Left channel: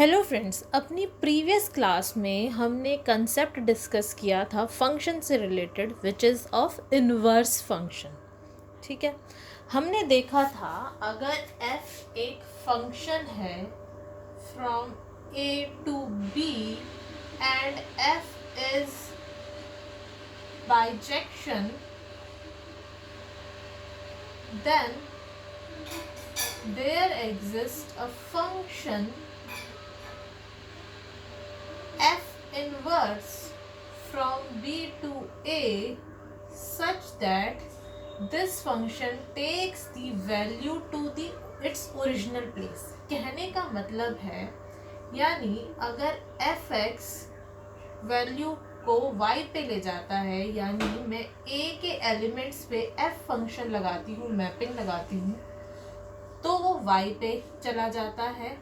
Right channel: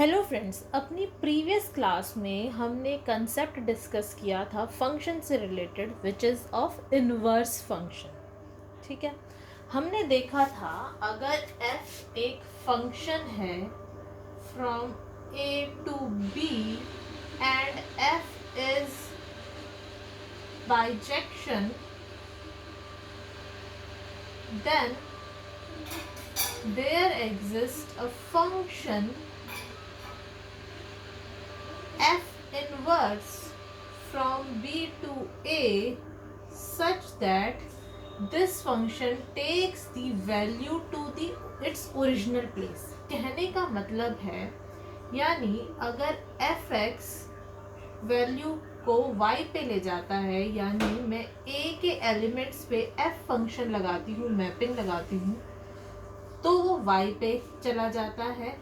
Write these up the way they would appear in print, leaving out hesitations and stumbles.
Hello friends, अपनी previous class में हमने कंसेप्ट डिस्कस किया था फंक्शन से related which is of inverse function. ठीक है, हमने देखा था अगर f एक फंक्शन है from a to b and f is bijection, then there exists a function f inverse from b to a such that this function takes the value to the its original place। कहने का मतलब है यानी अगर f(x) value को y पे ले जाता है, यानी मैं a के एलिमेंट्स पे f फंक्शन लगाती हूँ, मैपिंग लगाती हूँ, तो वो y पे चला जाता है।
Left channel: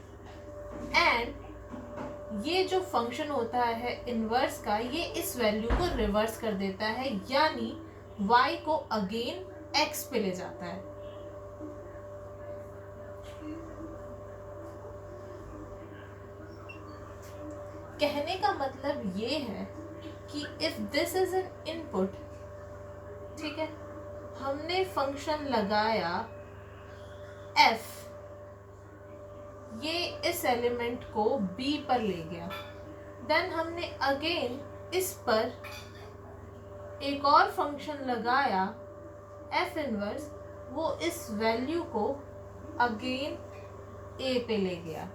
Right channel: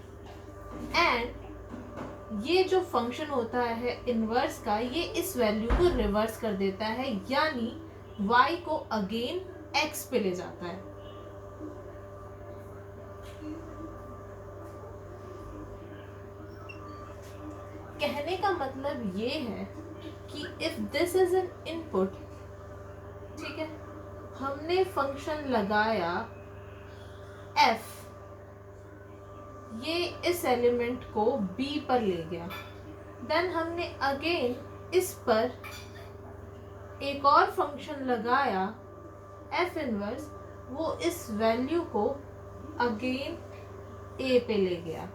एंड ये जो फंक्शन होता है इनवर्स का, ये इस वैल्यू को रिवर्स कर देता है, यानी y को अगेन x पे ले जाता है। कहने का मतलब ये है कि if this is an input, ठीक है, हमने फंक्शन लगाया f, ये इस एलिमेंट को b पर ले गया, देन हमने अगेन इस पर एक और फंक्शन लगाया f इनवर्स, वो इस वैल्यू को अगेन a पे ले गया।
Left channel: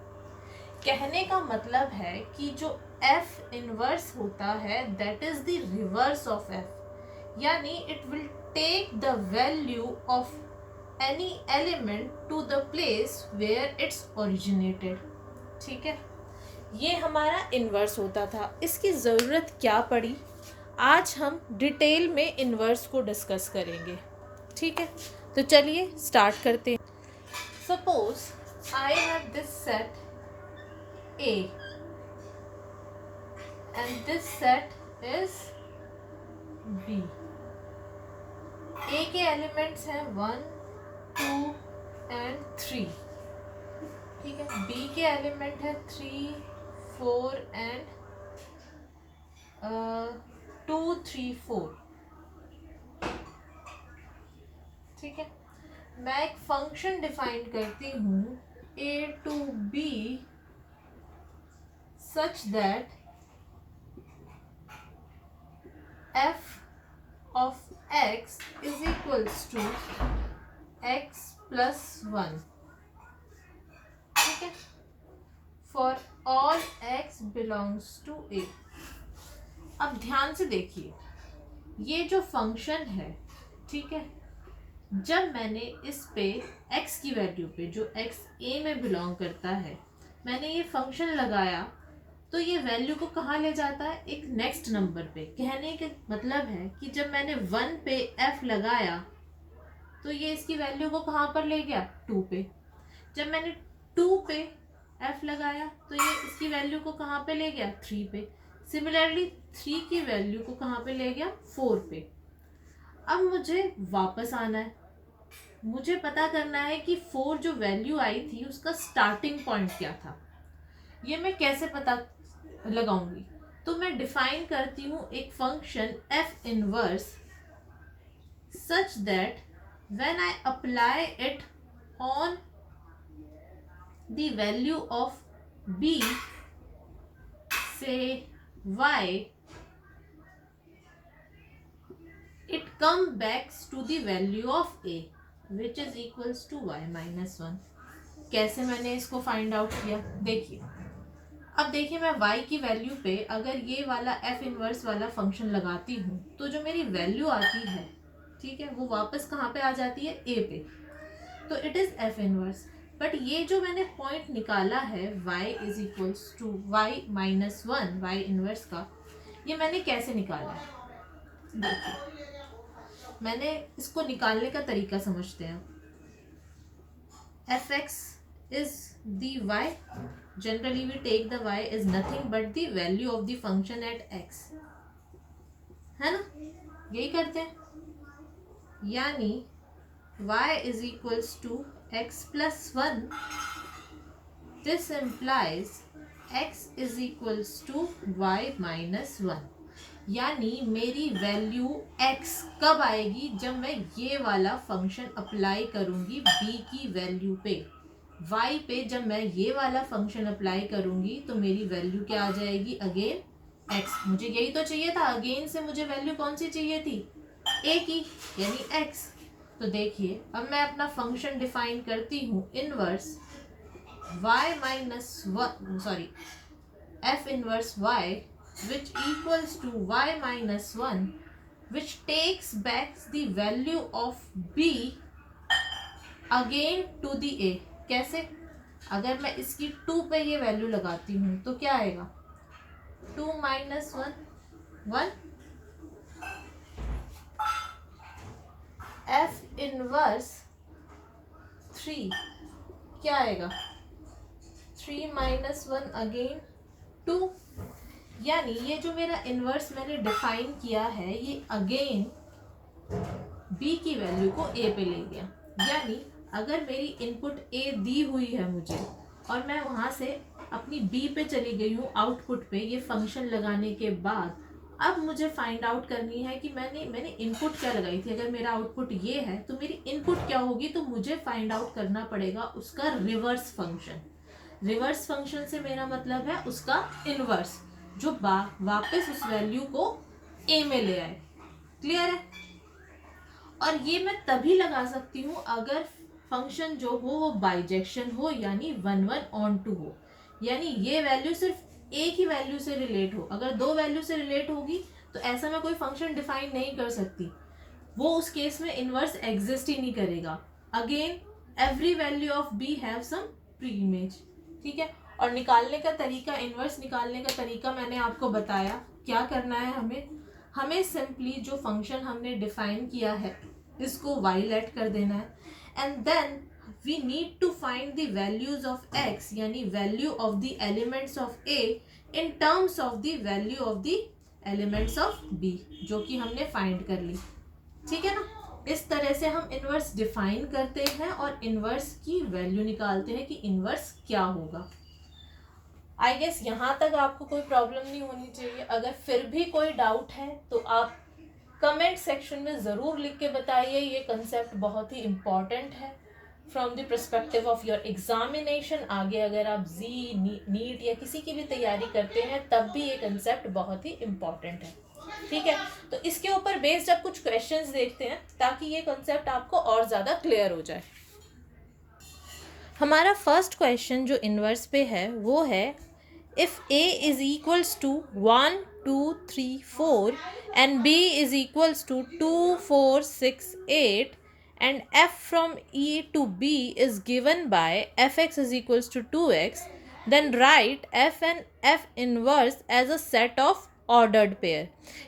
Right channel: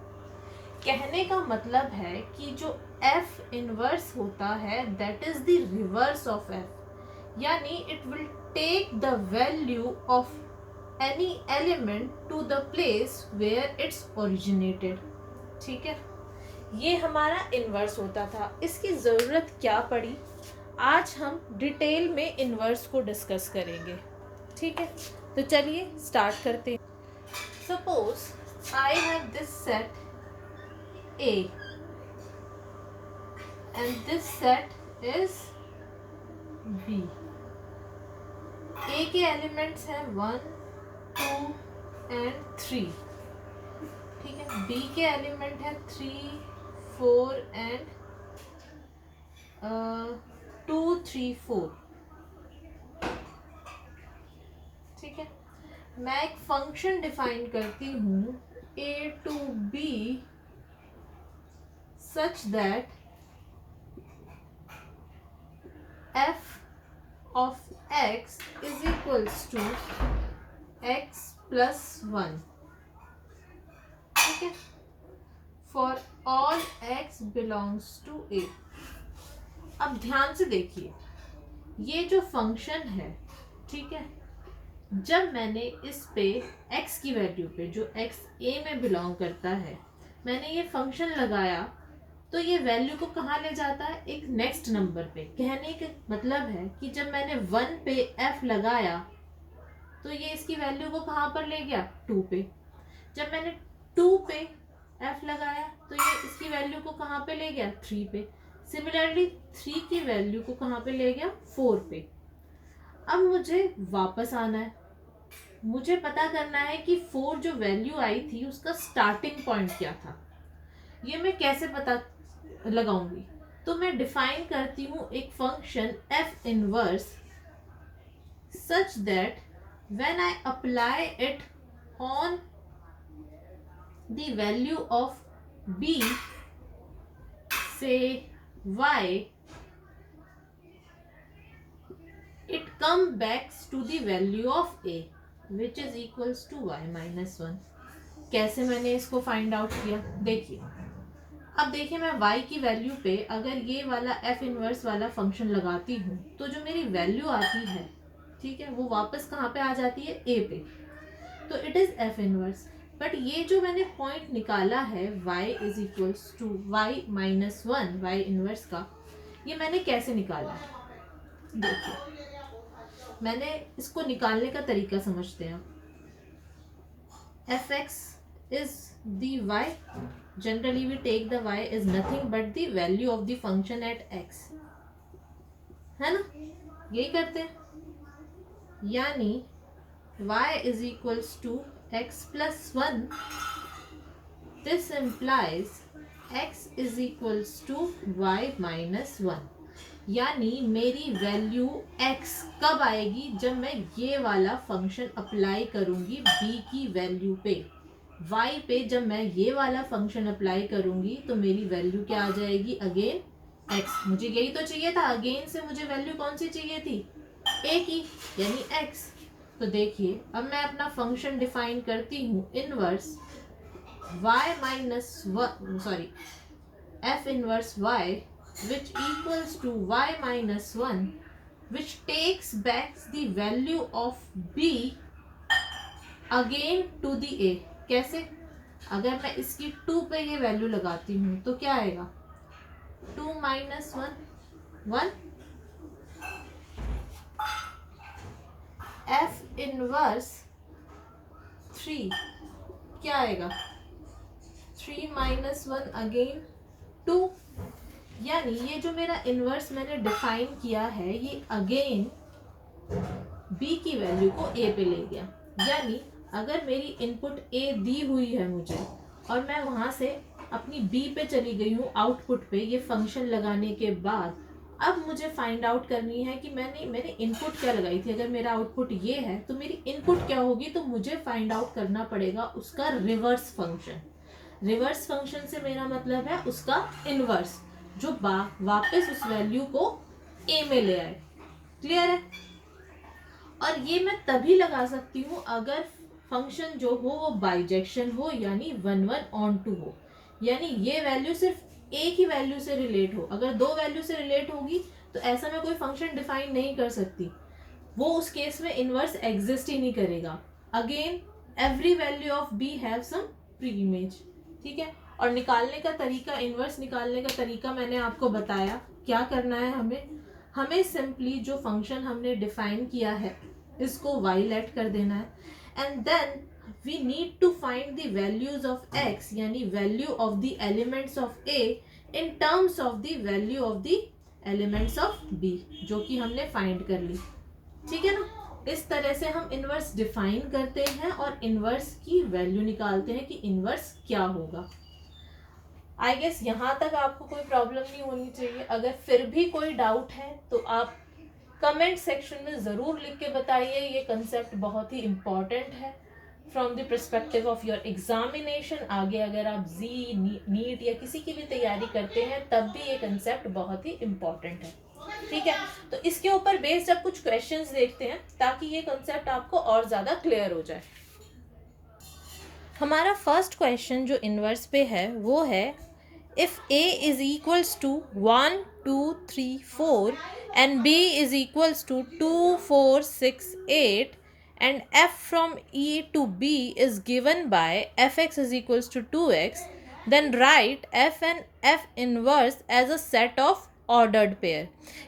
कहने का मतलब है कि जो f इनवर्स होता है that is the reverse of f, यानी it will take the value of any element to the place where it's originated। ठीक है, ये हमारा इन्वर्स होता था। इसकी ज़रूरत क्या पड़ी, आज हम डिटेल में इन्वर्स को डिस्कस करेंगे। ठीक है, तो चलिए स्टार्ट करते हैं। Suppose I have this set A and this set is B। A के एलिमेंट्स हैं 1, 2 and 3। ठीक है, B के एलिमेंट है 3, 4 and 2, 3, 4। ठीक है, मैं एक फंक्शन डिफाइन करती हूँ a to b such that f of x is equals to x plus 1। ठीक है, for all x belongs to a। अब ध्यान से देखिए, ये जो फंक्शन है, ठीक है, जब मैंने इस पे x की वैल्यू पे, जो x a में बिलोंग करता है, मैंने ये फंक्शन लगाया, तो ये वैल्यू को कहाँ ले जाता है, एक नेक्स्ट नंबर पे। कहने का मतलब है कि जब मैंने 1 पे f लगाया तो ये इसकी वैल्यू को कहाँ पर ले गया, 2 पे। जब मैंने 2 पे f लगाया तो ये इसकी वैल्यू को कहाँ पे ले गया, 3 पे। सिमिलरली 3 की वैल्यू को कहाँ पे ले गया, 4 पे। अब मुझे वापस आना है, मुझे पता करना है कि 4 जो वैल्यू आई थी उसका स्टार्टिंग पॉइंट क्या था। ये मैं कैसे पता लगाऊंगी, तो मैं डिफाइन करती हूँ एक function f inverse such that when I apply it on the value of b, say y, it comes back to the value of a which is equals to y minus 1। कैसे मैंने इसको find out किया, देखिए। अब देखिए, मैं y की value पे अगर ये वाला f इनवर्स वाला फंक्शन लगाती हूँ तो जो मेरी वैल्यू आती है, ठीक है, वो वापस कहाँ पे आ जाती है, a पे। तो it is f inverse. But ये जो मैंने पॉइंट निकाला है y is equals to y minus 1, y inverse का, ये मैंने कैसे निकाला है, देखिए। मैंने इसको निकालने का तरीका समझते हैं। fx is the y, generally we take the y is nothing but the value of the function at x, है ना, यही करते हैं। यानी y is equals to x plus 1, this implies x is equals to y minus one. यानी मेरी value x कब आएगी? जब मैं ये वाला फंक्शन अप्लाई करूंगी b की वैल्यू पे। y पे जब मैं ये वाला फंक्शन अप्लाई करूंगी तो मेरी वैल्यू क्या आ जाएगी? Again x। मुझे यही तो चाहिए था, अगेन से मुझे वैल्यू कौन सी चाहिए थी? a की, यानी x। तो देखिए अब मैं अपना फंक्शन डिफाइन करती हूँ, inverse y minus sorry f inverse y which equals to y minus 1 which takes back the value of b again to the a। कैसे? अगर मैं इसकी 2 पे ये वैल्यू लगाती हूँ तो क्या आएगा? 2 माइनस 1 1। f इनवर्स 3 क्या आएगा? 3 माइनस 1 अगेन 2। यानी ये जो मेरा इनवर्स मैंने डिफाइन किया है ये अगेन b की वैल्यू को a पे ले गया। यानी अगर मेरी इनपुट a दी हुई है मुझे और मैं वहां से अपनी b पे चली गई हूँ आउटपुट पे ये फंक्शन लगाने के बाद, अब मुझे फाइंड आउट करनी है कि मैंने इनपुट क्या लगाई थी। अगर मेरा आउटपुट ये है तो मेरी इनपुट क्या होगी? तो मुझे फाइंड आउट करना पड़ेगा उसका रिवर्स फंक्शन। रिवर्स फंक्शन से मेरा मतलब है उसका इनवर्स जो वापस उस वैल्यू को a में ले आए। क्लियर है? और ये मैं तभी लगा सकती हूँ अगर फंक्शन जो हो वो बाइजेक्शन हो, यानी 1 1 ऑन 2 हो। यानी ये वैल्यू सिर्फ एक ही वैल्यू से रिलेट हो। अगर दो वैल्यू से रिलेट होगी तो ऐसा मैं कोई फंक्शन डिफाइन नहीं कर सकती, वो उस केस में इनवर्स एग्जिस्ट ही नहीं करेगा। Again every value of b have some pre image. ठीक है? और निकालने का तरीका, इनवर्स निकालने का तरीका मैंने आपको बताया। क्या करना है हमें सिंपली जो फंक्शन हमने डिफाइन किया है इसको y लेट कर देना है, and then we need to find the values of x, यानी value of the elements of a in terms of the value of the elements of b, जो कि हमने फाइंड कर ली। ठीक है ना? इस तरह से हम इनवर्स डिफाइन करते हैं और इनवर्स की वैल्यू निकालते हैं कि इनवर्स क्या होगा। आई गेस यहाँ तक आपको कोई प्रॉब्लम नहीं होनी चाहिए। अगर फिर भी कोई डाउट है तो आप कमेंट सेक्शन में ज़रूर लिख के बताइए। ये कंसेप्ट बहुत ही इम्पॉर्टेंट है from the perspective of your examination. आगे अगर आप नीट या किसी की भी तैयारी करते हैं तब भी ये कंसेप्ट बहुत ही इम्पॉर्टेंट है। ठीक है? तो इसके ऊपर बेस्ड अब कुछ क्वेश्चंस देखते हैं ताकि ये कंसेप्ट आपको और ज़्यादा क्लियर हो जाए। हमारा फर्स्ट क्वेश्चन जो इनवर्स पे है वो है, if a is equals to 1 2 3 4 and b is equals to 2 4 6 8 and f from e to b is given by fx is equals to 2x, then write f and f inverse as a set of ordered pair।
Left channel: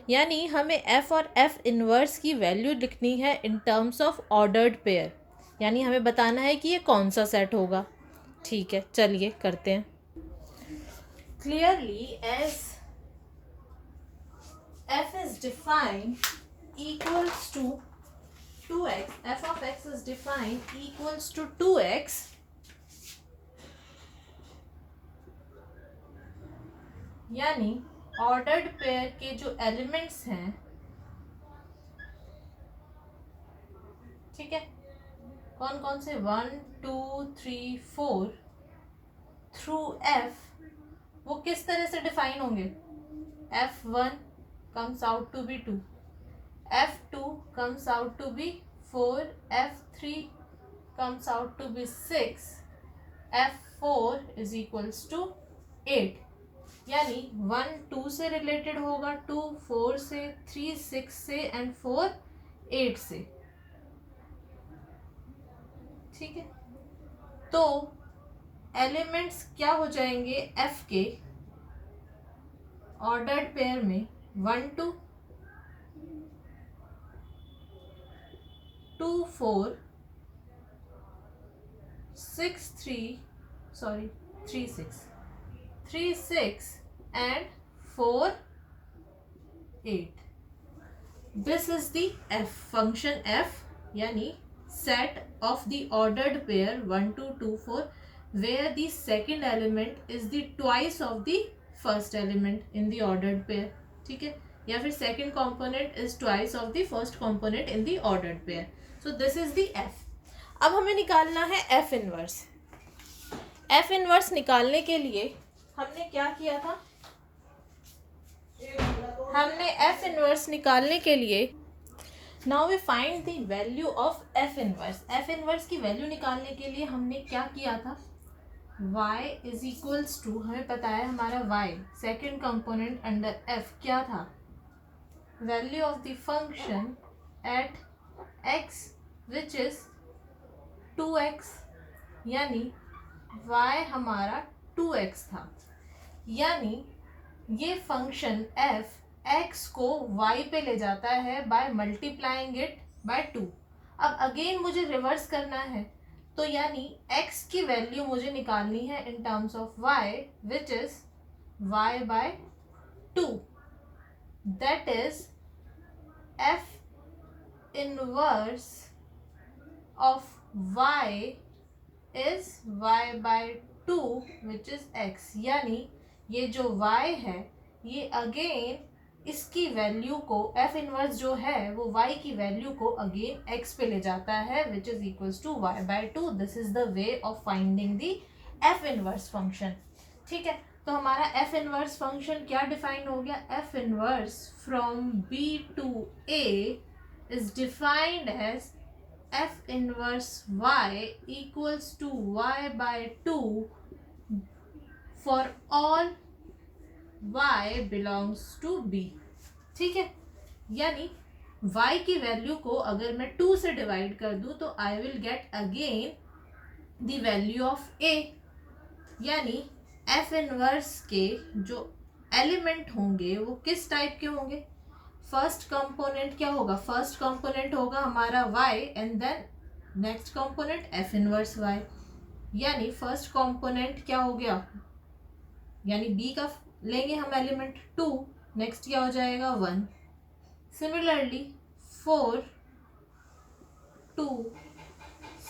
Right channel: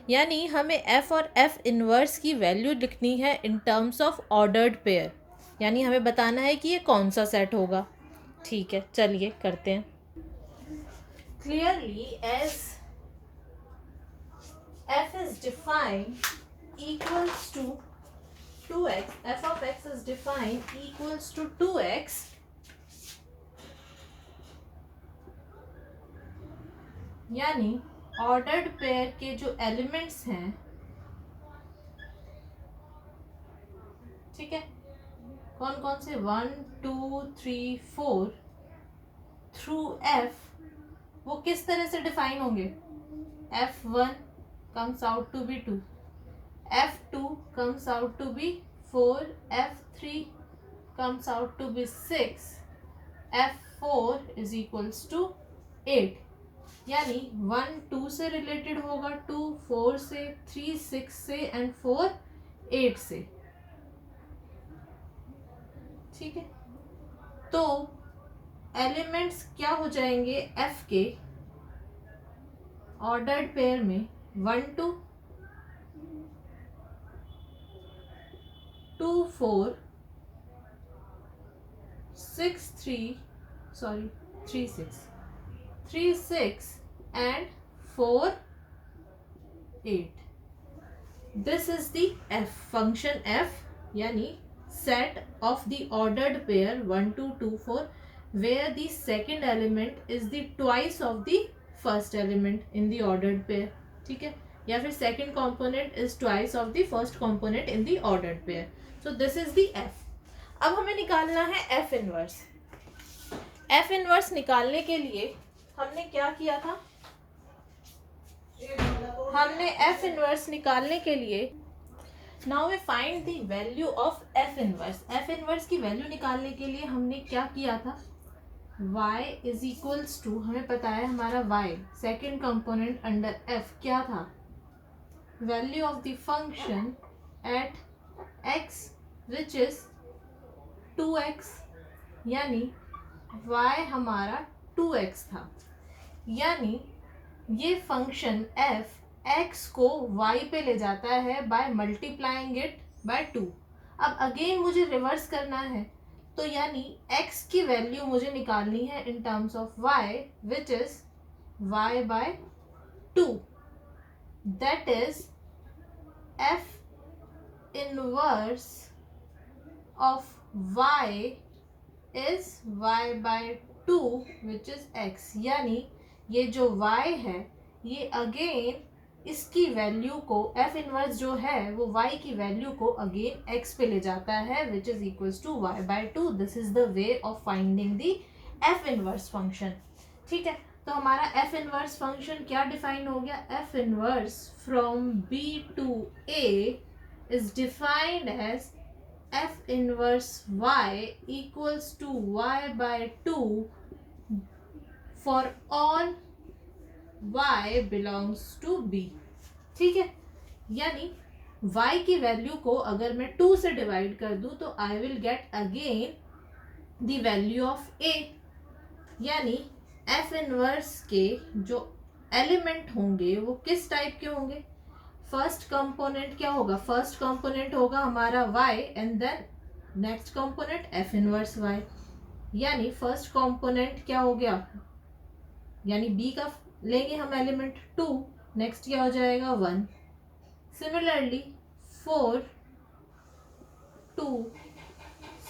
यानी हमें f और f inverse की value लिखनी है in terms of ordered pair, यानी हमें बताना है कि ये कौन सा सेट होगा। ठीक है, चलिए करते हैं। Clearly as f is defined equals to 2x, f of x is defined equals to 2x, यानी ऑर्डर्ड पेयर के जो एलिमेंट्स हैं, ठीक है, कौन कौन से 1 2 3 4 थ्रू f, वो किस तरह से डिफाइन होंगे? f1 comes out to be 2, f2 comes out to be 4, f3 comes out to be 6, f4 is equals to 8। यानी 1 2 से रिलेटेड होगा, 2 4 से, 3 6 से एंड 4 8 से। ठीक है? तो एलिमेंट्स क्या हो जाएंगे f के ऑर्डर्ड पेयर में? 1 2 2 4 6 3 sorry 3 6 3 6 and 4 8। This is the f function f, यानी set of the ordered pair 1 2 2 4 where the second element is the twice of the first element in the ordered pair. ठीक है, या फिर second component is twice of the first component in the ordered pair. So this is the f. अब हमें निकालना है f inverse. f inverse निकालने के लिए हमने क्या किया था? हमने f इनवर्स निकालने के लिए now we find the value of f inverse. f inverse की वैल्यू निकालने के लिए हमने क्या किया था? y इज इक्वल्स टू, हमें पता है हमारा y second component under f क्या था? Value of the function at x which is 2x, यानी y हमारा 2x था. यानी ये फंक्शन f x को y पे ले जाता है बाय मल्टीप्लाइंग इट बाय 2. अब अगेन मुझे रिवर्स करना है, तो यानी x की वैल्यू मुझे निकालनी है in terms of y which is y by 2. That is f inverse of y is y by 2 which is x. यानी ये जो y है ये अगेन इसकी वैल्यू को f इनवर्स जो है वो y की वैल्यू को अगेन x पे ले जाता है which is equals to y by 2. This is the way of finding the f inverse function. ठीक है, तो हमारा f इनवर्स फंक्शन क्या डिफाइन हो गया? f inverse from b to a is defined as f inverse y equals to y by 2 for all y belongs to b. ठीक है, यानी y की वैल्यू को अगर मैं 2 से डिवाइड कर दूं तो I will get again the value of a. यानी f इनवर्स के जो एलिमेंट होंगे वो किस टाइप के होंगे? फर्स्ट कंपोनेंट क्या होगा? फर्स्ट कंपोनेंट होगा हमारा y and then next component f inverse y. यानी फर्स्ट कंपोनेंट क्या हो गया? यानी b का लेंगे हम एलिमेंट 2, नेक्स्ट क्या हो जाएगा? 1. सिमिलरली 4, 2,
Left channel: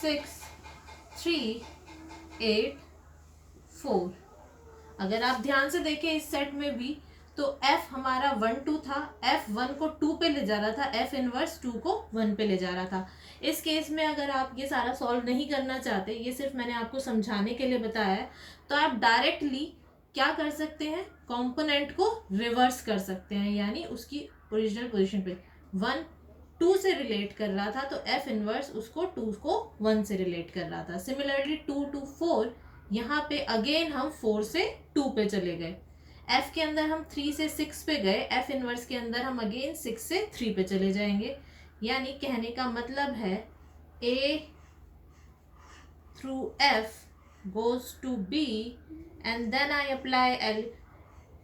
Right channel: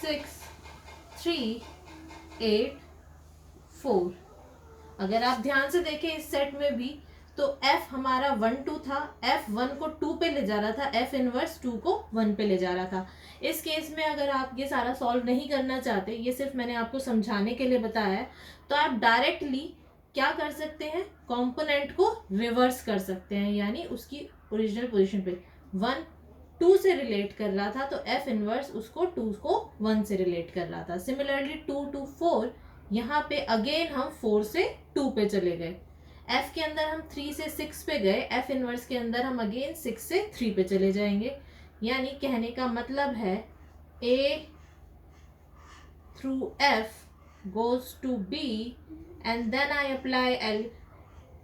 6, 3, 8, 4. अगर आप ध्यान से देखें इस सेट में भी तो f हमारा 1 2 था, f 1 को 2 पे ले जा रहा था, f इनवर्स 2 को 1 पे ले जा रहा था. इस केस में अगर आप ये सारा सॉल्व नहीं करना चाहते, ये सिर्फ मैंने आपको समझाने के लिए बताया है, तो आप डायरेक्टली क्या कर सकते हैं? कंपोनेंट को रिवर्स कर सकते हैं. यानी उसकी ओरिजिनल पोजीशन पे 1 2 से रिलेट कर रहा था तो f इनवर्स उसको 2 को 1 से रिलेट कर रहा था. सिमिलरली 2 to 4, यहाँ पे अगेन हम 4 से 2 पे चले गए. f के अंदर हम 3 से 6 पे गए, f इनवर्स के अंदर हम अगेन 6 से 3 पे चले जाएंगे. यानी कहने का मतलब है a through f goes to b and then I apply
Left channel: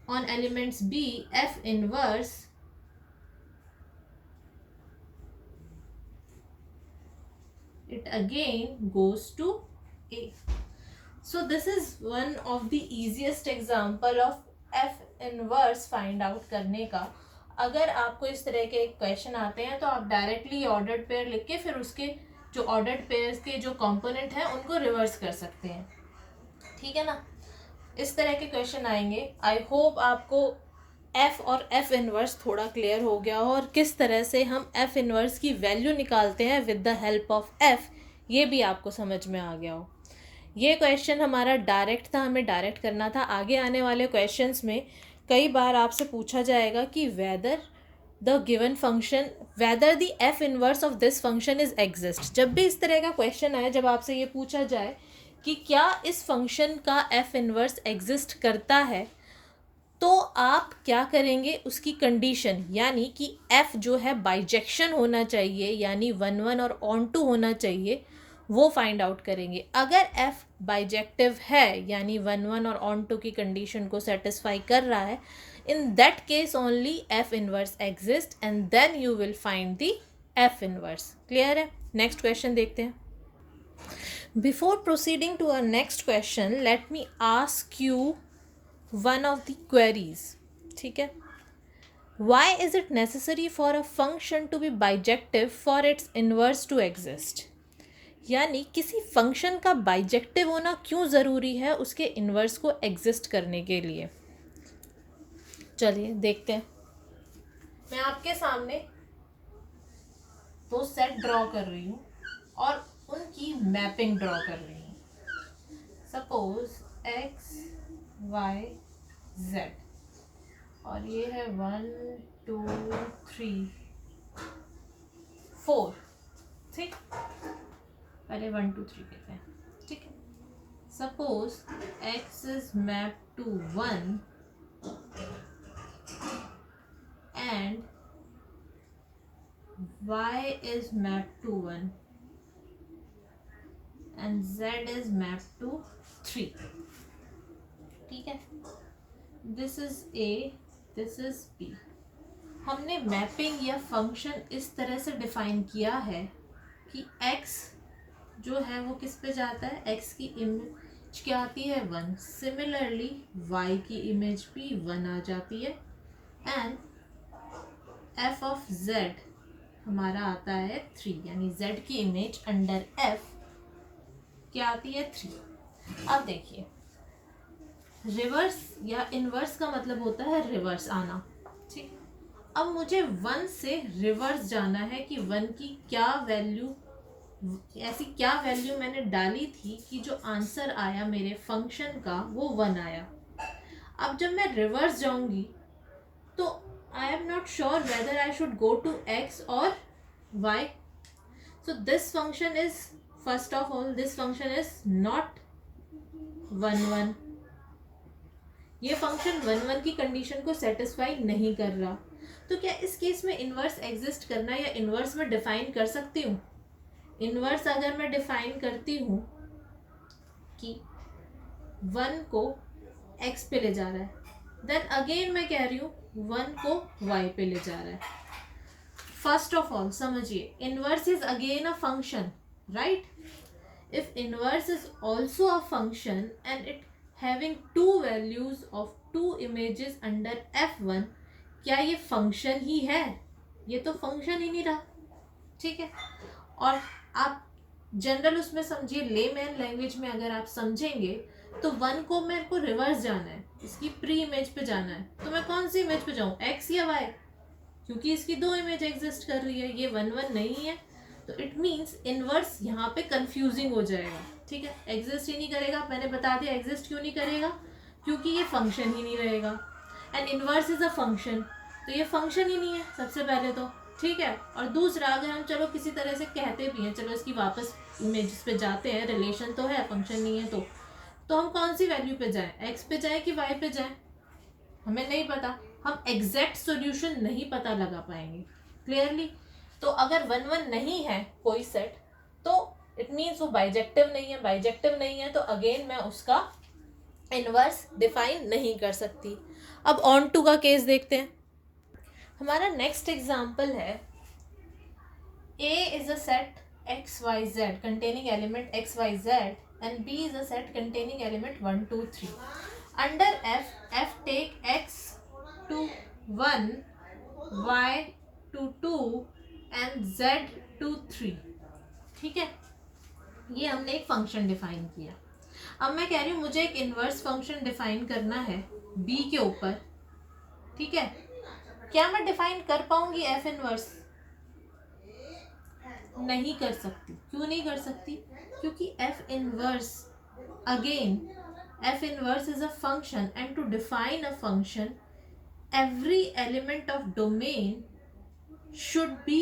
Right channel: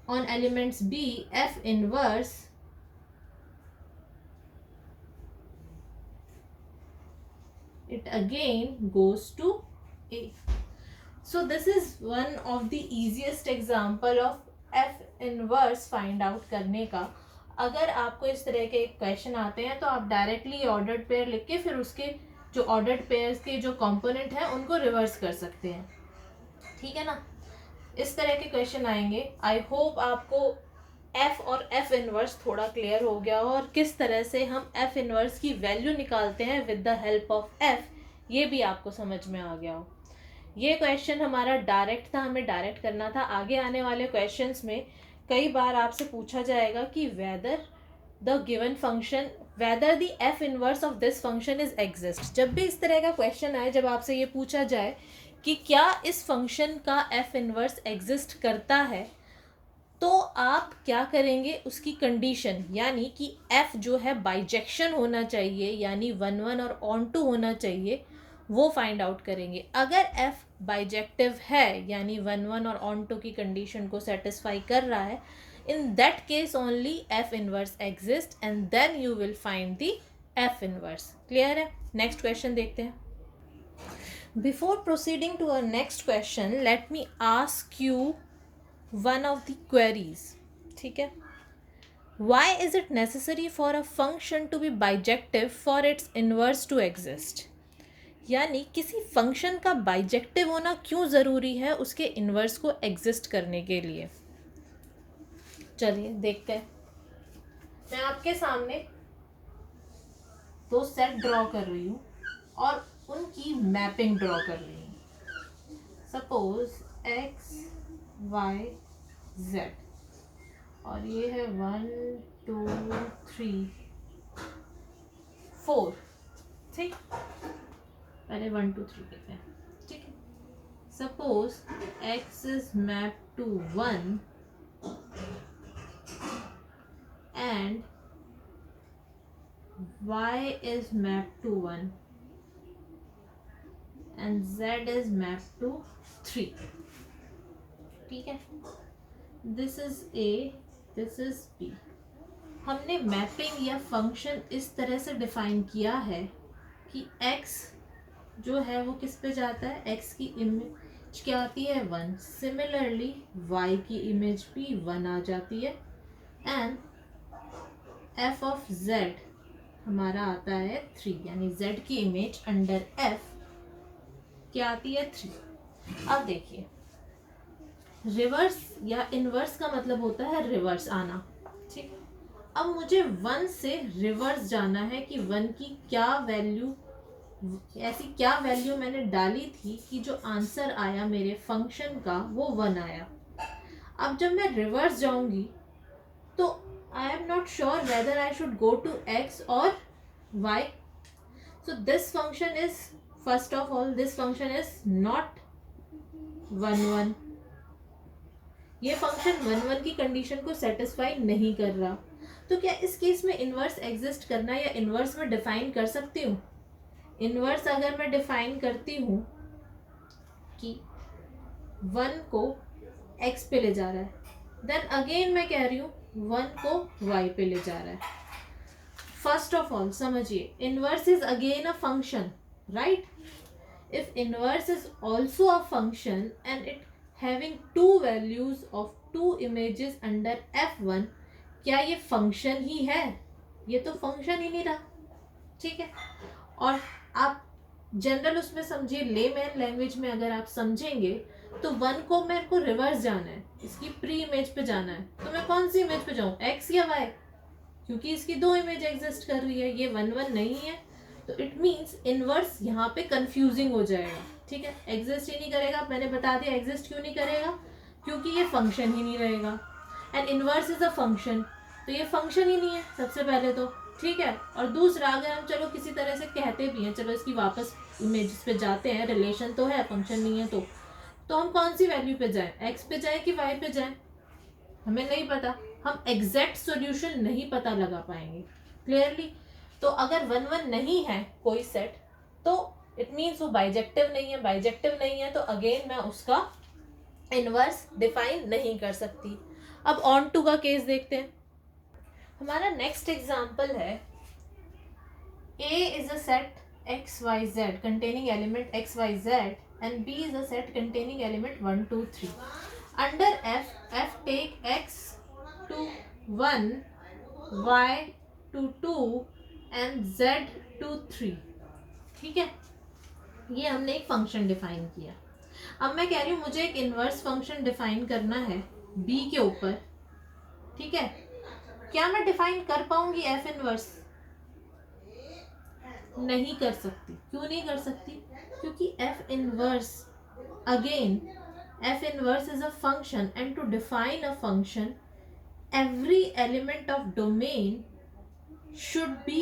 on elements b f inverse it again goes to a. So this is one of the easiest example of f inverse find out करने का. अगर आपको इस तरह के question आते हैं तो आप डायरेक्टली ऑर्डर्ड पेयर लिख के फिर उसके जो ऑर्डर्ड पेयर्स के जो कंपोनेंट हैं उनको रिवर्स कर सकते हैं. ठीक है ना, इस तरह के क्वेश्चन आएंगे. आई होप आपको f और f इनवर्स थोड़ा क्लियर हो गया हो और किस तरह से हम f इनवर्स की वैल्यू निकालते हैं with the help of f, ये भी आपको समझ में आ गया हो. ये क्वेश्चन हमारा डायरेक्ट था, हमें डायरेक्ट करना था. आगे आने वाले क्वेश्चंस में कई बार आपसे पूछा जाएगा कि whether the given function whether the f inverse of this function is exist. जब भी इस तरह का क्वेश्चन आए, जब आपसे ये पूछा जाए कि क्या इस फंक्शन का f इनवर्स एग्जिस्ट करता है, तो आप क्या करेंगे? उसकी कंडीशन यानी कि f जो है बाइजेक्शन होना चाहिए, यानी 1 1 और ऑन टू होना चाहिए, वो फाइंड आउट करेंगे. अगर f बाइजेक्टिव है यानी 1 1 और ऑन टू की कंडीशन को सेटिस्फाई कर रहा है, in that case only f inverse exist and then you will find the f inverse. Clear है? नेक्स्ट क्वेश्चन देखते हैं. Before proceeding to our next question, let me ask you one of the queries. ठीक है, why is it necessary for a function to be bijective for its inverse to exist? यानी किसी function का bijective होना क्यों ज़रूरी है उसके इन्वर्स को एग्जिस्ट करने के लिए। चलिए देखते हैं। मैं आपके सामने दो सेट ड्रॉ कर रही हूँ और उनकी मैपिंग ड्रॉ कर रही हूँ। सपोज x y z और ये है 1 2 3 4, ठीक, पहले 1 2 3 कहते हैं, ठीक है। Suppose x is map to 1 and y is mapped to 1 and z is mapped to 3, ठीक है। this is a, this is b। हमने मैपिंग या फंक्शन इस तरह से डिफाइन किया है कि x जो है वो किस पे जाता है, x की इमेज क्या आती है 1, सिमिलरली y की इमेज भी 1 आ जाती है एंड f ऑफ z हमारा आता है 3, यानी z की इमेज अंडर f क्या आती है 3। अब देखिए रिवर्स या इनवर्स का मतलब होता है रिवर्स आना, ठीक। अब मुझे 1 से रिवर्स जाना है कि 1 की क्या वैल्यू, ऐसी क्या वैल्यू मैंने डाली थी कि जो आंसर आया मेरे फंक्शन का वो 1 आया। अब जब मैं रिवर्स जाऊंगी तो I am not sure whether I should go to x or y. So this function is, first of all, this function is not 1 1। ये फंक्शन 1 1 की कंडीशन को सेटिस्फाई नहीं कर रहा। तो क्या इस केस में इन्वर्स एग्जिस्ट करना या इन्वर्स में डिफाइन कर सकती हूँ? इन्वर्स अगर मैं डिफाइन करती हूँ कि 1 को x पे ले जा रहा है, देन अगेन मैं कह रही हूँ 1 को y पे ले जा रहा है। फर्स्ट ऑफ ऑल समझिए, inverse is again a function, right. If inverse is also a function and it having two values of two images under f1, क्या ये फंक्शन ही है? ये तो फंक्शन ही नहीं रहा, ठीक है। और आप जनरल उसमें समझिए, लेमैन लैंग्वेज में अगर आप समझेंगे तो 1 को मेरे को रिवर्स जाना है, इसकी प्री इमेज पे जाना है, तो मैं कौन सी इमेज पे जाऊँ, x या y? क्योंकि इसकी दो इमेज एग्जिस्ट कर रही है, ये 1 1 नहीं है, तो इट मीन्स इनवर्स यहाँ पे कंफ्यूजिंग हो जाएगा, ठीक है। एग्जिस्ट ही नहीं करेगा, मैंने बता दिया एग्जिस्ट क्यों नहीं करेगा, क्योंकि ये फंक्शन ही नहीं रहेगा and inverse is a function, तो ये फंक्शन ही नहीं है सबसे पहले तो, ठीक है। और दूसरा, अगर हम चलो किसी तरह से कहते भी हैं, चलो इसकी वापस इमेज पे जाते हैं, रिलेशन तो है, फंक्शन नहीं है, तो हम कौन सी वैल्यू पे जाएं, x पे जाएं कि y पे जाएं, हमें नहीं पता, हम एग्जैक्ट सॉल्यूशन नहीं पता लगा पाएंगे क्लियरली। तो अगर 1 1 नहीं है कोई सेट तो इट मीन्स वो बाइजेक्टिव नहीं है, बाइजेक्टिव नहीं है तो अगेन मैं उसका इनवर्स डिफाइन नहीं कर सकती। अब ऑन टू का केस देखते हैं। हमारा नेक्स्ट एग्जाम्पल है A is a set XYZ containing element XYZ and B is a set containing element 1 2 3. Under F take X to 1, Y to 2 and Z to 3, ठीक है। ये हमने एक फंक्शन डिफाइन किया। अब मैं कह रही हूँ मुझे एक इनवर्स फंक्शन डिफाइन करना है B के ऊपर, ठीक है। क्या मैं डिफाइन कर पाऊंगी F इनवर्स? नहीं कर सकती। क्यों नहीं कर सकती? क्योंकि F inverse, again F inverse is a function and to define a function every element of domain should be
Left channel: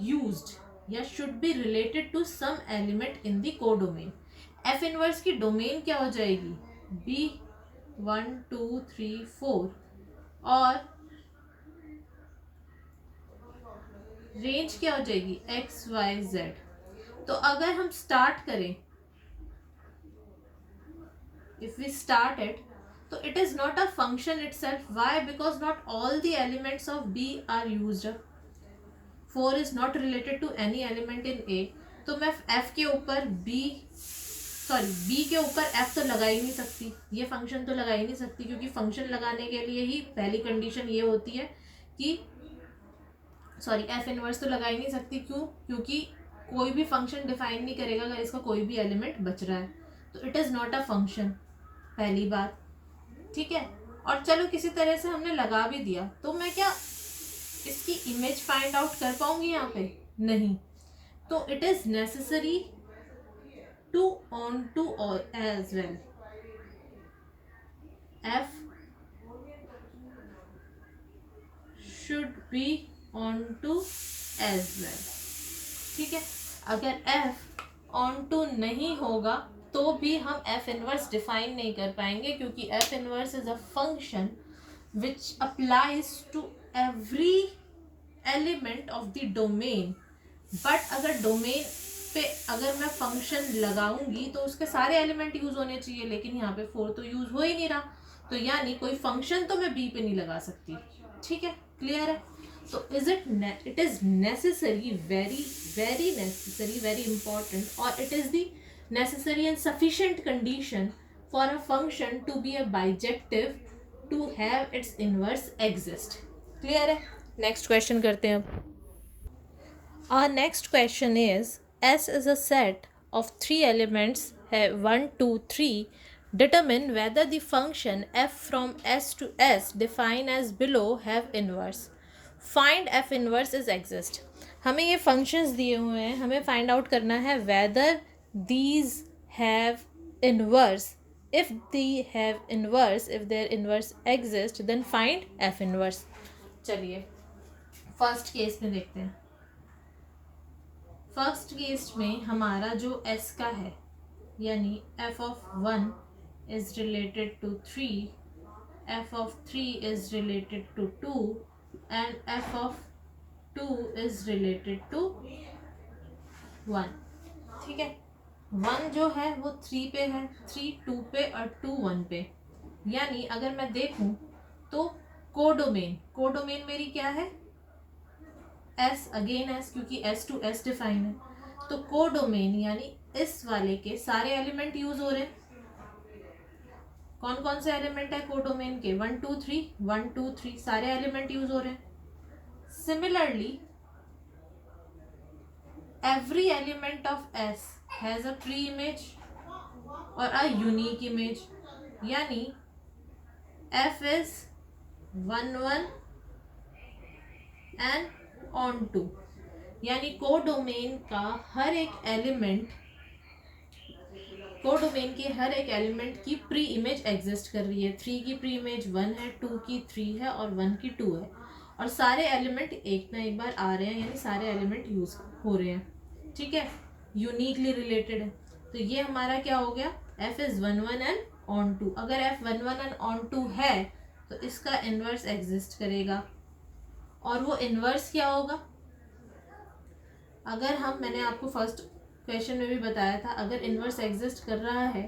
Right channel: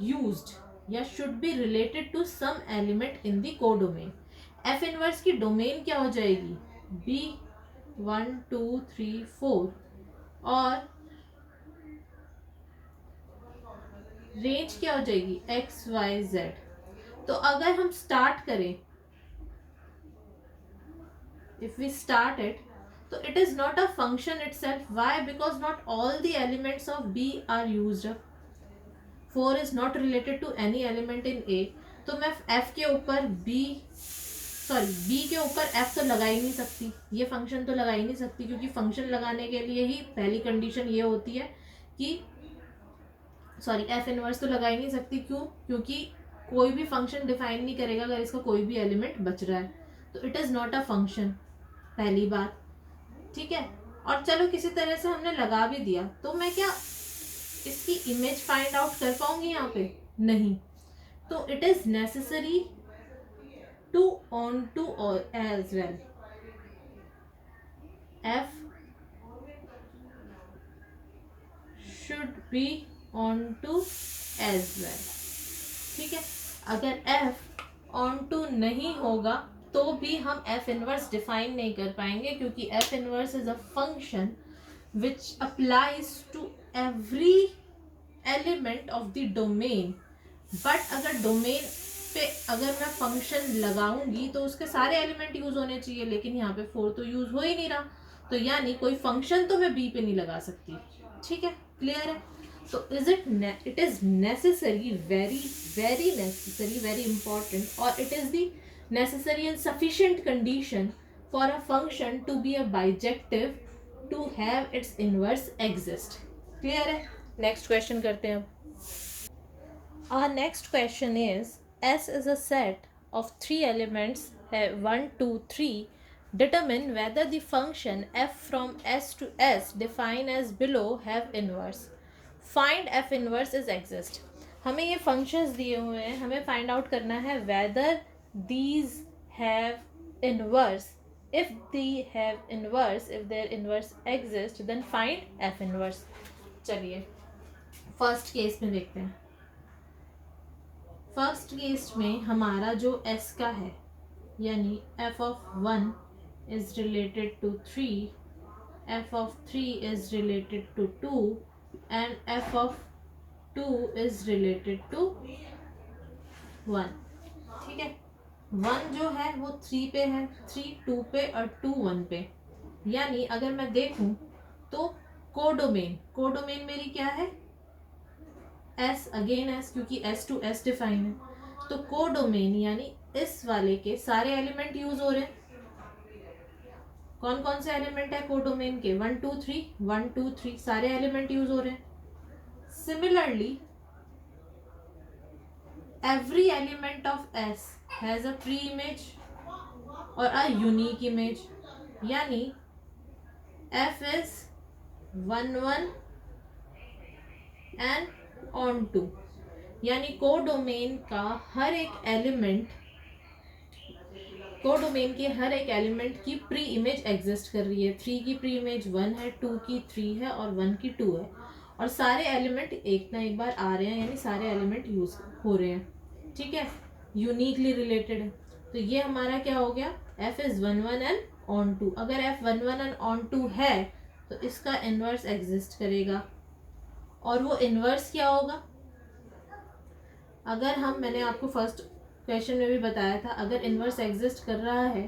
used या should be related to some element in the codomain। F inverse की domain क्या हो जाएगी? B 1 2 3 4 और range क्या हो जाएगी? X Y Z। तो अगर हम स्टार्ट करें, if we start it, so it is not a function itself. Why? Because not all the elements of B are used up. 4 is not related to any element in A, तो मैं F के ऊपर B के ऊपर F तो लगा ही नहीं सकती, ये फंक्शन तो लगा ही नहीं सकती, क्योंकि फंक्शन लगाने के लिए ही पहली कंडीशन ये होती है कि F इनवर्स तो लगा ही नहीं सकती। क्यों? क्योंकि कोई भी फंक्शन डिफाइन नहीं करेगा अगर इसका कोई भी एलिमेंट बच रहा है, तो it is not a function, पहली बात। ठीक है, और चलो किसी तरह से हमने लगा भी दिया, तो मैं क्या इसकी इमेज फाइंड आउट कर पाऊंगी यहाँ पे? नहीं। तो it is necessary to onto as well, f should be onto as well. ठीक है, अगर एफ ऑन टू नहीं होगा तो भी हम एफ इनवर्स डिफाइन नहीं कर पाएंगे, क्योंकि f inverse is a function which applies to every element of the domain. But अगर डोमेन पे अगर मैं फंक्शन लगाऊंगी तो उसके सारे एलिमेंट यूज होने चाहिए, लेकिन यहाँ पे 4 तो यूज हो ही नहीं रहा, तो यानी कोई फंक्शन तो मैं बी पे नहीं लगा सकती। ठीक है, क्लियर है? तो it is necessary, very very necessary, very important, और it is the necessary and sufficient condition for a function to be a bijective to have its inverse exist. Clear है? नेक्स्ट क्वेश्चन करते हैं अब। Our next question is, S is a set of 3 elements, 1, 2, 3. Determine whether the function f from S to S defined as below have inverse. Find f inverse is exist. हमें ये functions दिए हुए हैं, हमें find out करना है whether these have inverse. If they have inverse, if their inverse exist, then find f inverse. चलिए first case में देखते हैं। फर्स्ट केस में हमारा जो s का है, यानी f of 1 is related to 3, f of 3 is related to 2 and f of 2 is related to 1। ठीक है, 1 जो है वो 3 पे है, 3 2 पे और 2 1 पे। यानी अगर मैं देखूं तो कोडोमेन मेरी क्या है? S, अगेन S, क्योंकि S टू S डिफाइन है, तो कोडोमेन यानी इस वाले के सारे एलिमेंट यूज हो रहे हैं। कौन कौन से एलिमेंट है कोडोमेन के? 1 2 3, 1 2 3 सारे एलिमेंट यूज हो रहे हैं। Similarly every element of S has a pre image और अ यूनिक इमेज, यानी F is 1 1 and onto, यानी कोडोमेन का हर एक एलिमेंट, कोडोमेन के हर एक एलिमेंट की प्री इमेज एग्जिस्ट कर रही है। 3 की प्री इमेज 1 है, 2 की 3 है और 1 की 2 है, और सारे एलिमेंट एक ना एक बार आ रहे हैं, यानी सारे एलिमेंट यूज हो रहे हैं। ठीक है, यूनिकली रिलेटेड है। तो ये हमारा क्या हो गया? F is 1 1 and onto. अगर F 1 1 एंड ऑन टू है तो इसका इनवर्स एग्जिस्ट करेगा, और वो इनवर्स क्या होगा? अगर हम, मैंने आपको फर्स्ट क्वेश्चन में भी बताया था, अगर इनवर्स एग्जिस्ट कर रहा है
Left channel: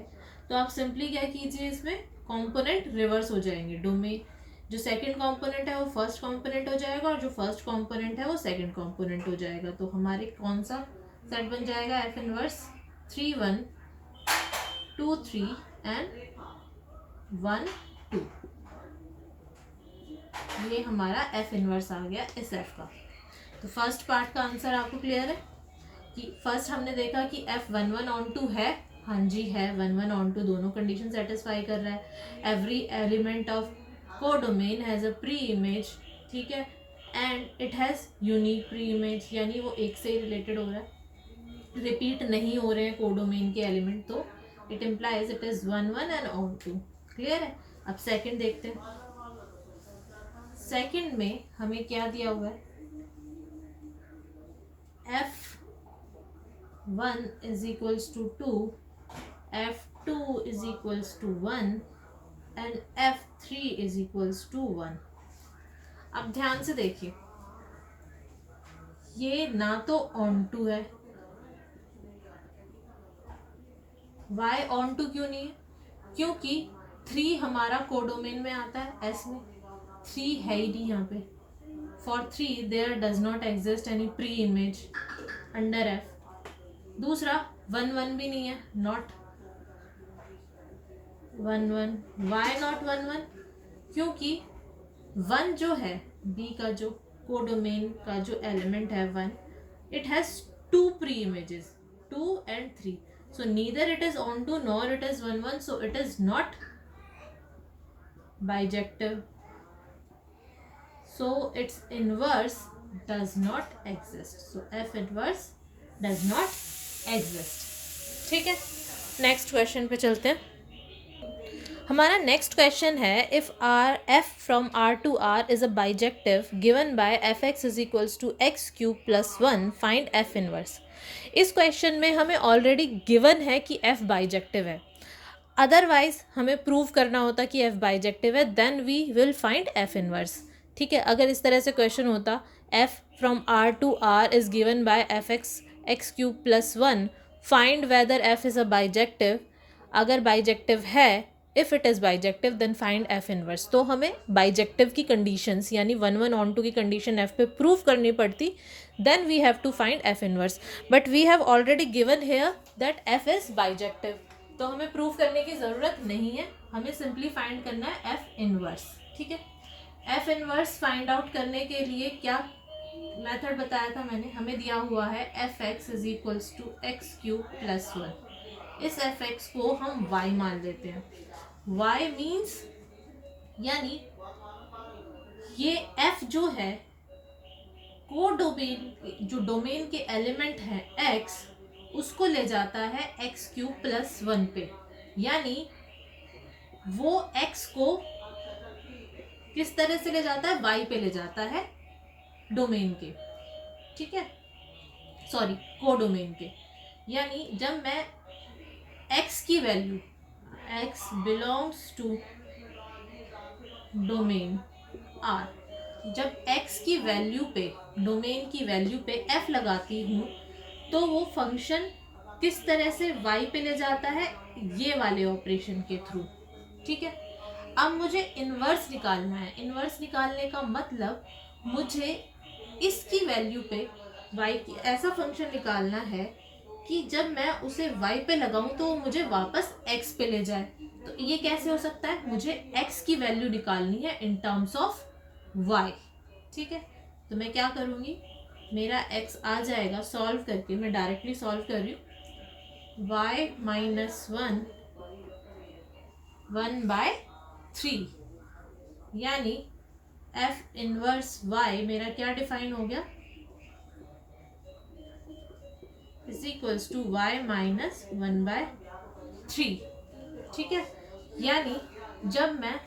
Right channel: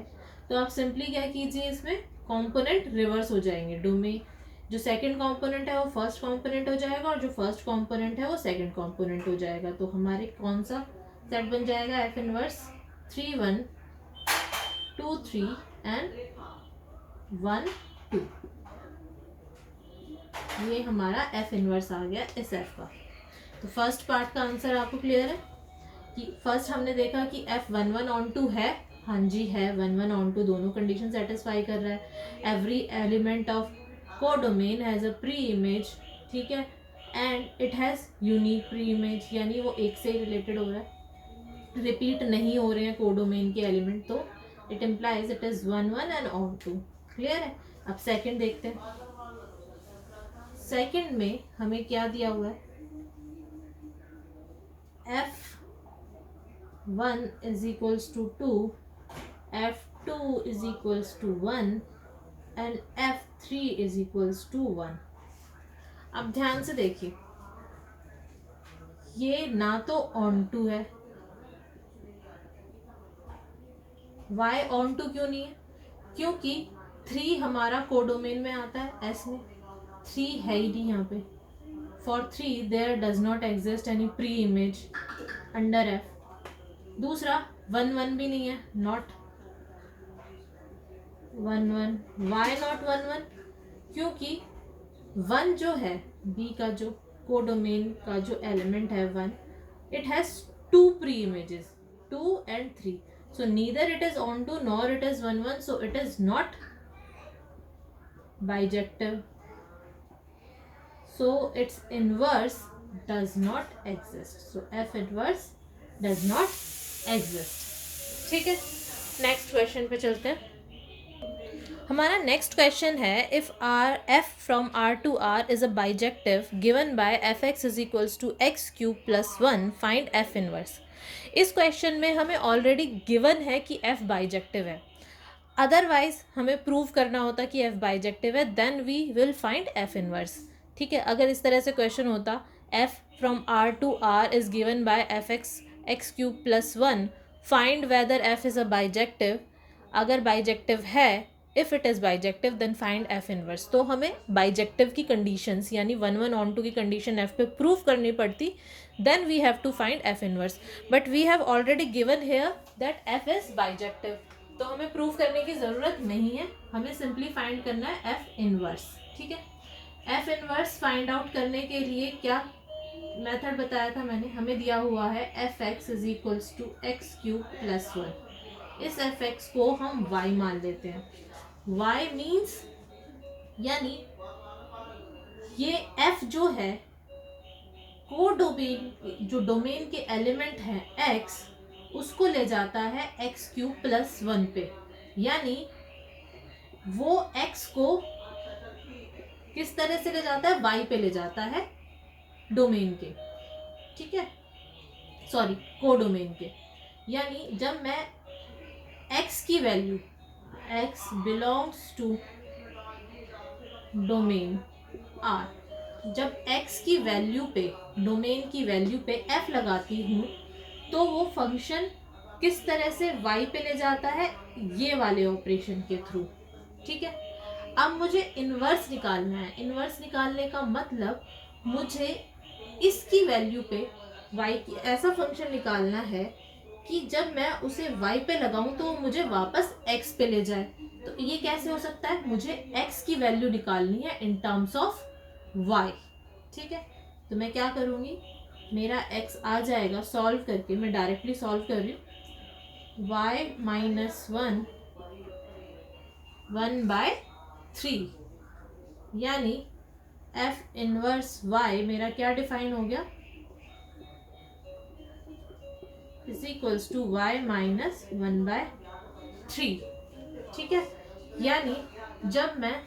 तो आप सिंपली क्या कीजिए, इसमें कंपोनेंट रिवर्स हो जाएंगे। डोमेन जो सेकंड कंपोनेंट है वो फर्स्ट कंपोनेंट हो जाएगा, और जो फर्स्ट कंपोनेंट है वो सेकंड कंपोनेंट हो जाएगा। तो हमारे कौन सा सेट बन जाएगा? F inverse 3 1 2 3 and 1 2। ये हमारा एफ इनवर्स आ गया इस एफ का। तो फर्स्ट पार्ट का आंसर आपको क्लियर है कि फर्स्ट हमने देखा कि F 1 1 ऑन टू है, हाँ जी है, 1 1 ऑन टू दोनों कंडीशन सेटिस्फाई कर रहा है। Every element of codomain has a pre image, ठीक है, and it has unique pre image, यानी वो एक से रिलेटेड हो रहा है, रिपीट नहीं हो रहे हैं कोडोमेन के एलिमेंट, तो it implies it is 1 1 and onto. Clear है? अब सेकेंड देखते हैं। सेकेंड में हमें क्या दिया हुआ है? F1 is equals to 2, F2 is equals to 1 and F3 is equals to 1। अब ध्यान से देखिए, ये ना तो ऑन टू है, वाई ऑन टू क्यों नहीं है? क्योंकि 3 हमारा कोडोमेन में आता है, S में 3 है ही नहीं यहाँ पे। For 3 there does not exist any pre-image under F। दूसरा 1 1 भी नहीं है, not 1 1। Why not 1 1? क्योंकि 1 जो है B का जो कोडोमेन का जो एलिमेंट है 1, it has two pre-images, 2 and 3. So neither it is onto nor it is 1 1, so it is not bijective. So its inverse does not exist. So F inverse does not exist. ठीक है, next question पे चलते हैं. हमारा next question है, if R f from R to R is a bijective given by f x is equals to x cube plus 1, find f inverse. इस question में हमें ऑलरेडी गिवन है कि एफ बाइजेक्टिव है. अदरवाइज हमें prove करना होता कि एफ बाइजेक्टिव है, then we will find f inverse. ठीक है, अगर इस तरह से क्वेश्चन होता, f from R to R is given by f x x cube plus 1, find whether f is a bijective. अगर बाइजेक्टिव है, if it is bijective then find f inverse. तो हमें बाइजेक्टिव की कंडीशंस यानी 1 1 onto की condition f पे prove करनी पड़ती, then we have to find f inverse. But we have already given here that f is bijective, तो हमें प्रूव करने की ज़रूरत नहीं है, हमें सिंपली फाइंड करना है एफ इनवर्स. ठीक है, एफ इनवर्स फाइंड आउट करने के लिए क्या मेथड बताया था मैंने, हमें दिया हुआ है f x is equals to x cube plus 1. इस एफ एक्स को हम y मान लेते हैं. y मीन्स यानी ये f जो है को डोमेन, जो डोमेन के एलिमेंट है x, उसको ले जाता है x क्यूब प्लस 1 पे. यानी वो x को किस तरह से ले जाता है, y पे ले जाता है डोमेन के. ठीक है, सॉरी को डोमेन के. यानी जब मैं x की value, x belongs to domain R, जब x की वैल्यू पे, डोमेन की वैल्यू पे f लगाती हूँ, तो वो फंक्शन किस तरह से y पे ले जाता है, ये वाले ऑपरेशन के थ्रू. ठीक है, अब मुझे इन्वर्स निकालना है. इन्वर्स निकालने का मतलब मुझे इसकी वैल्यू पे y की ऐसा फंक्शन निकालना है कि जब मैं उसे y पे लगाऊं तो वो मुझे वापस x पे ले जाए. तो ये कैसे हो सकता है, मुझे x की वैल्यू निकालनी है इन टर्म्स ऑफ y. ठीक है, तो मैं क्या करूँगी, मेरा x आ जाएगा सॉल्व करके, मैं डायरेक्टली सॉल्व कर रही हूँ, y माइनस 1 1/3. यानी f इनवर्स y मेरा क्या डिफाइन हो गया, is equals to y minus 1/3. ठीक है, यानी जब मैं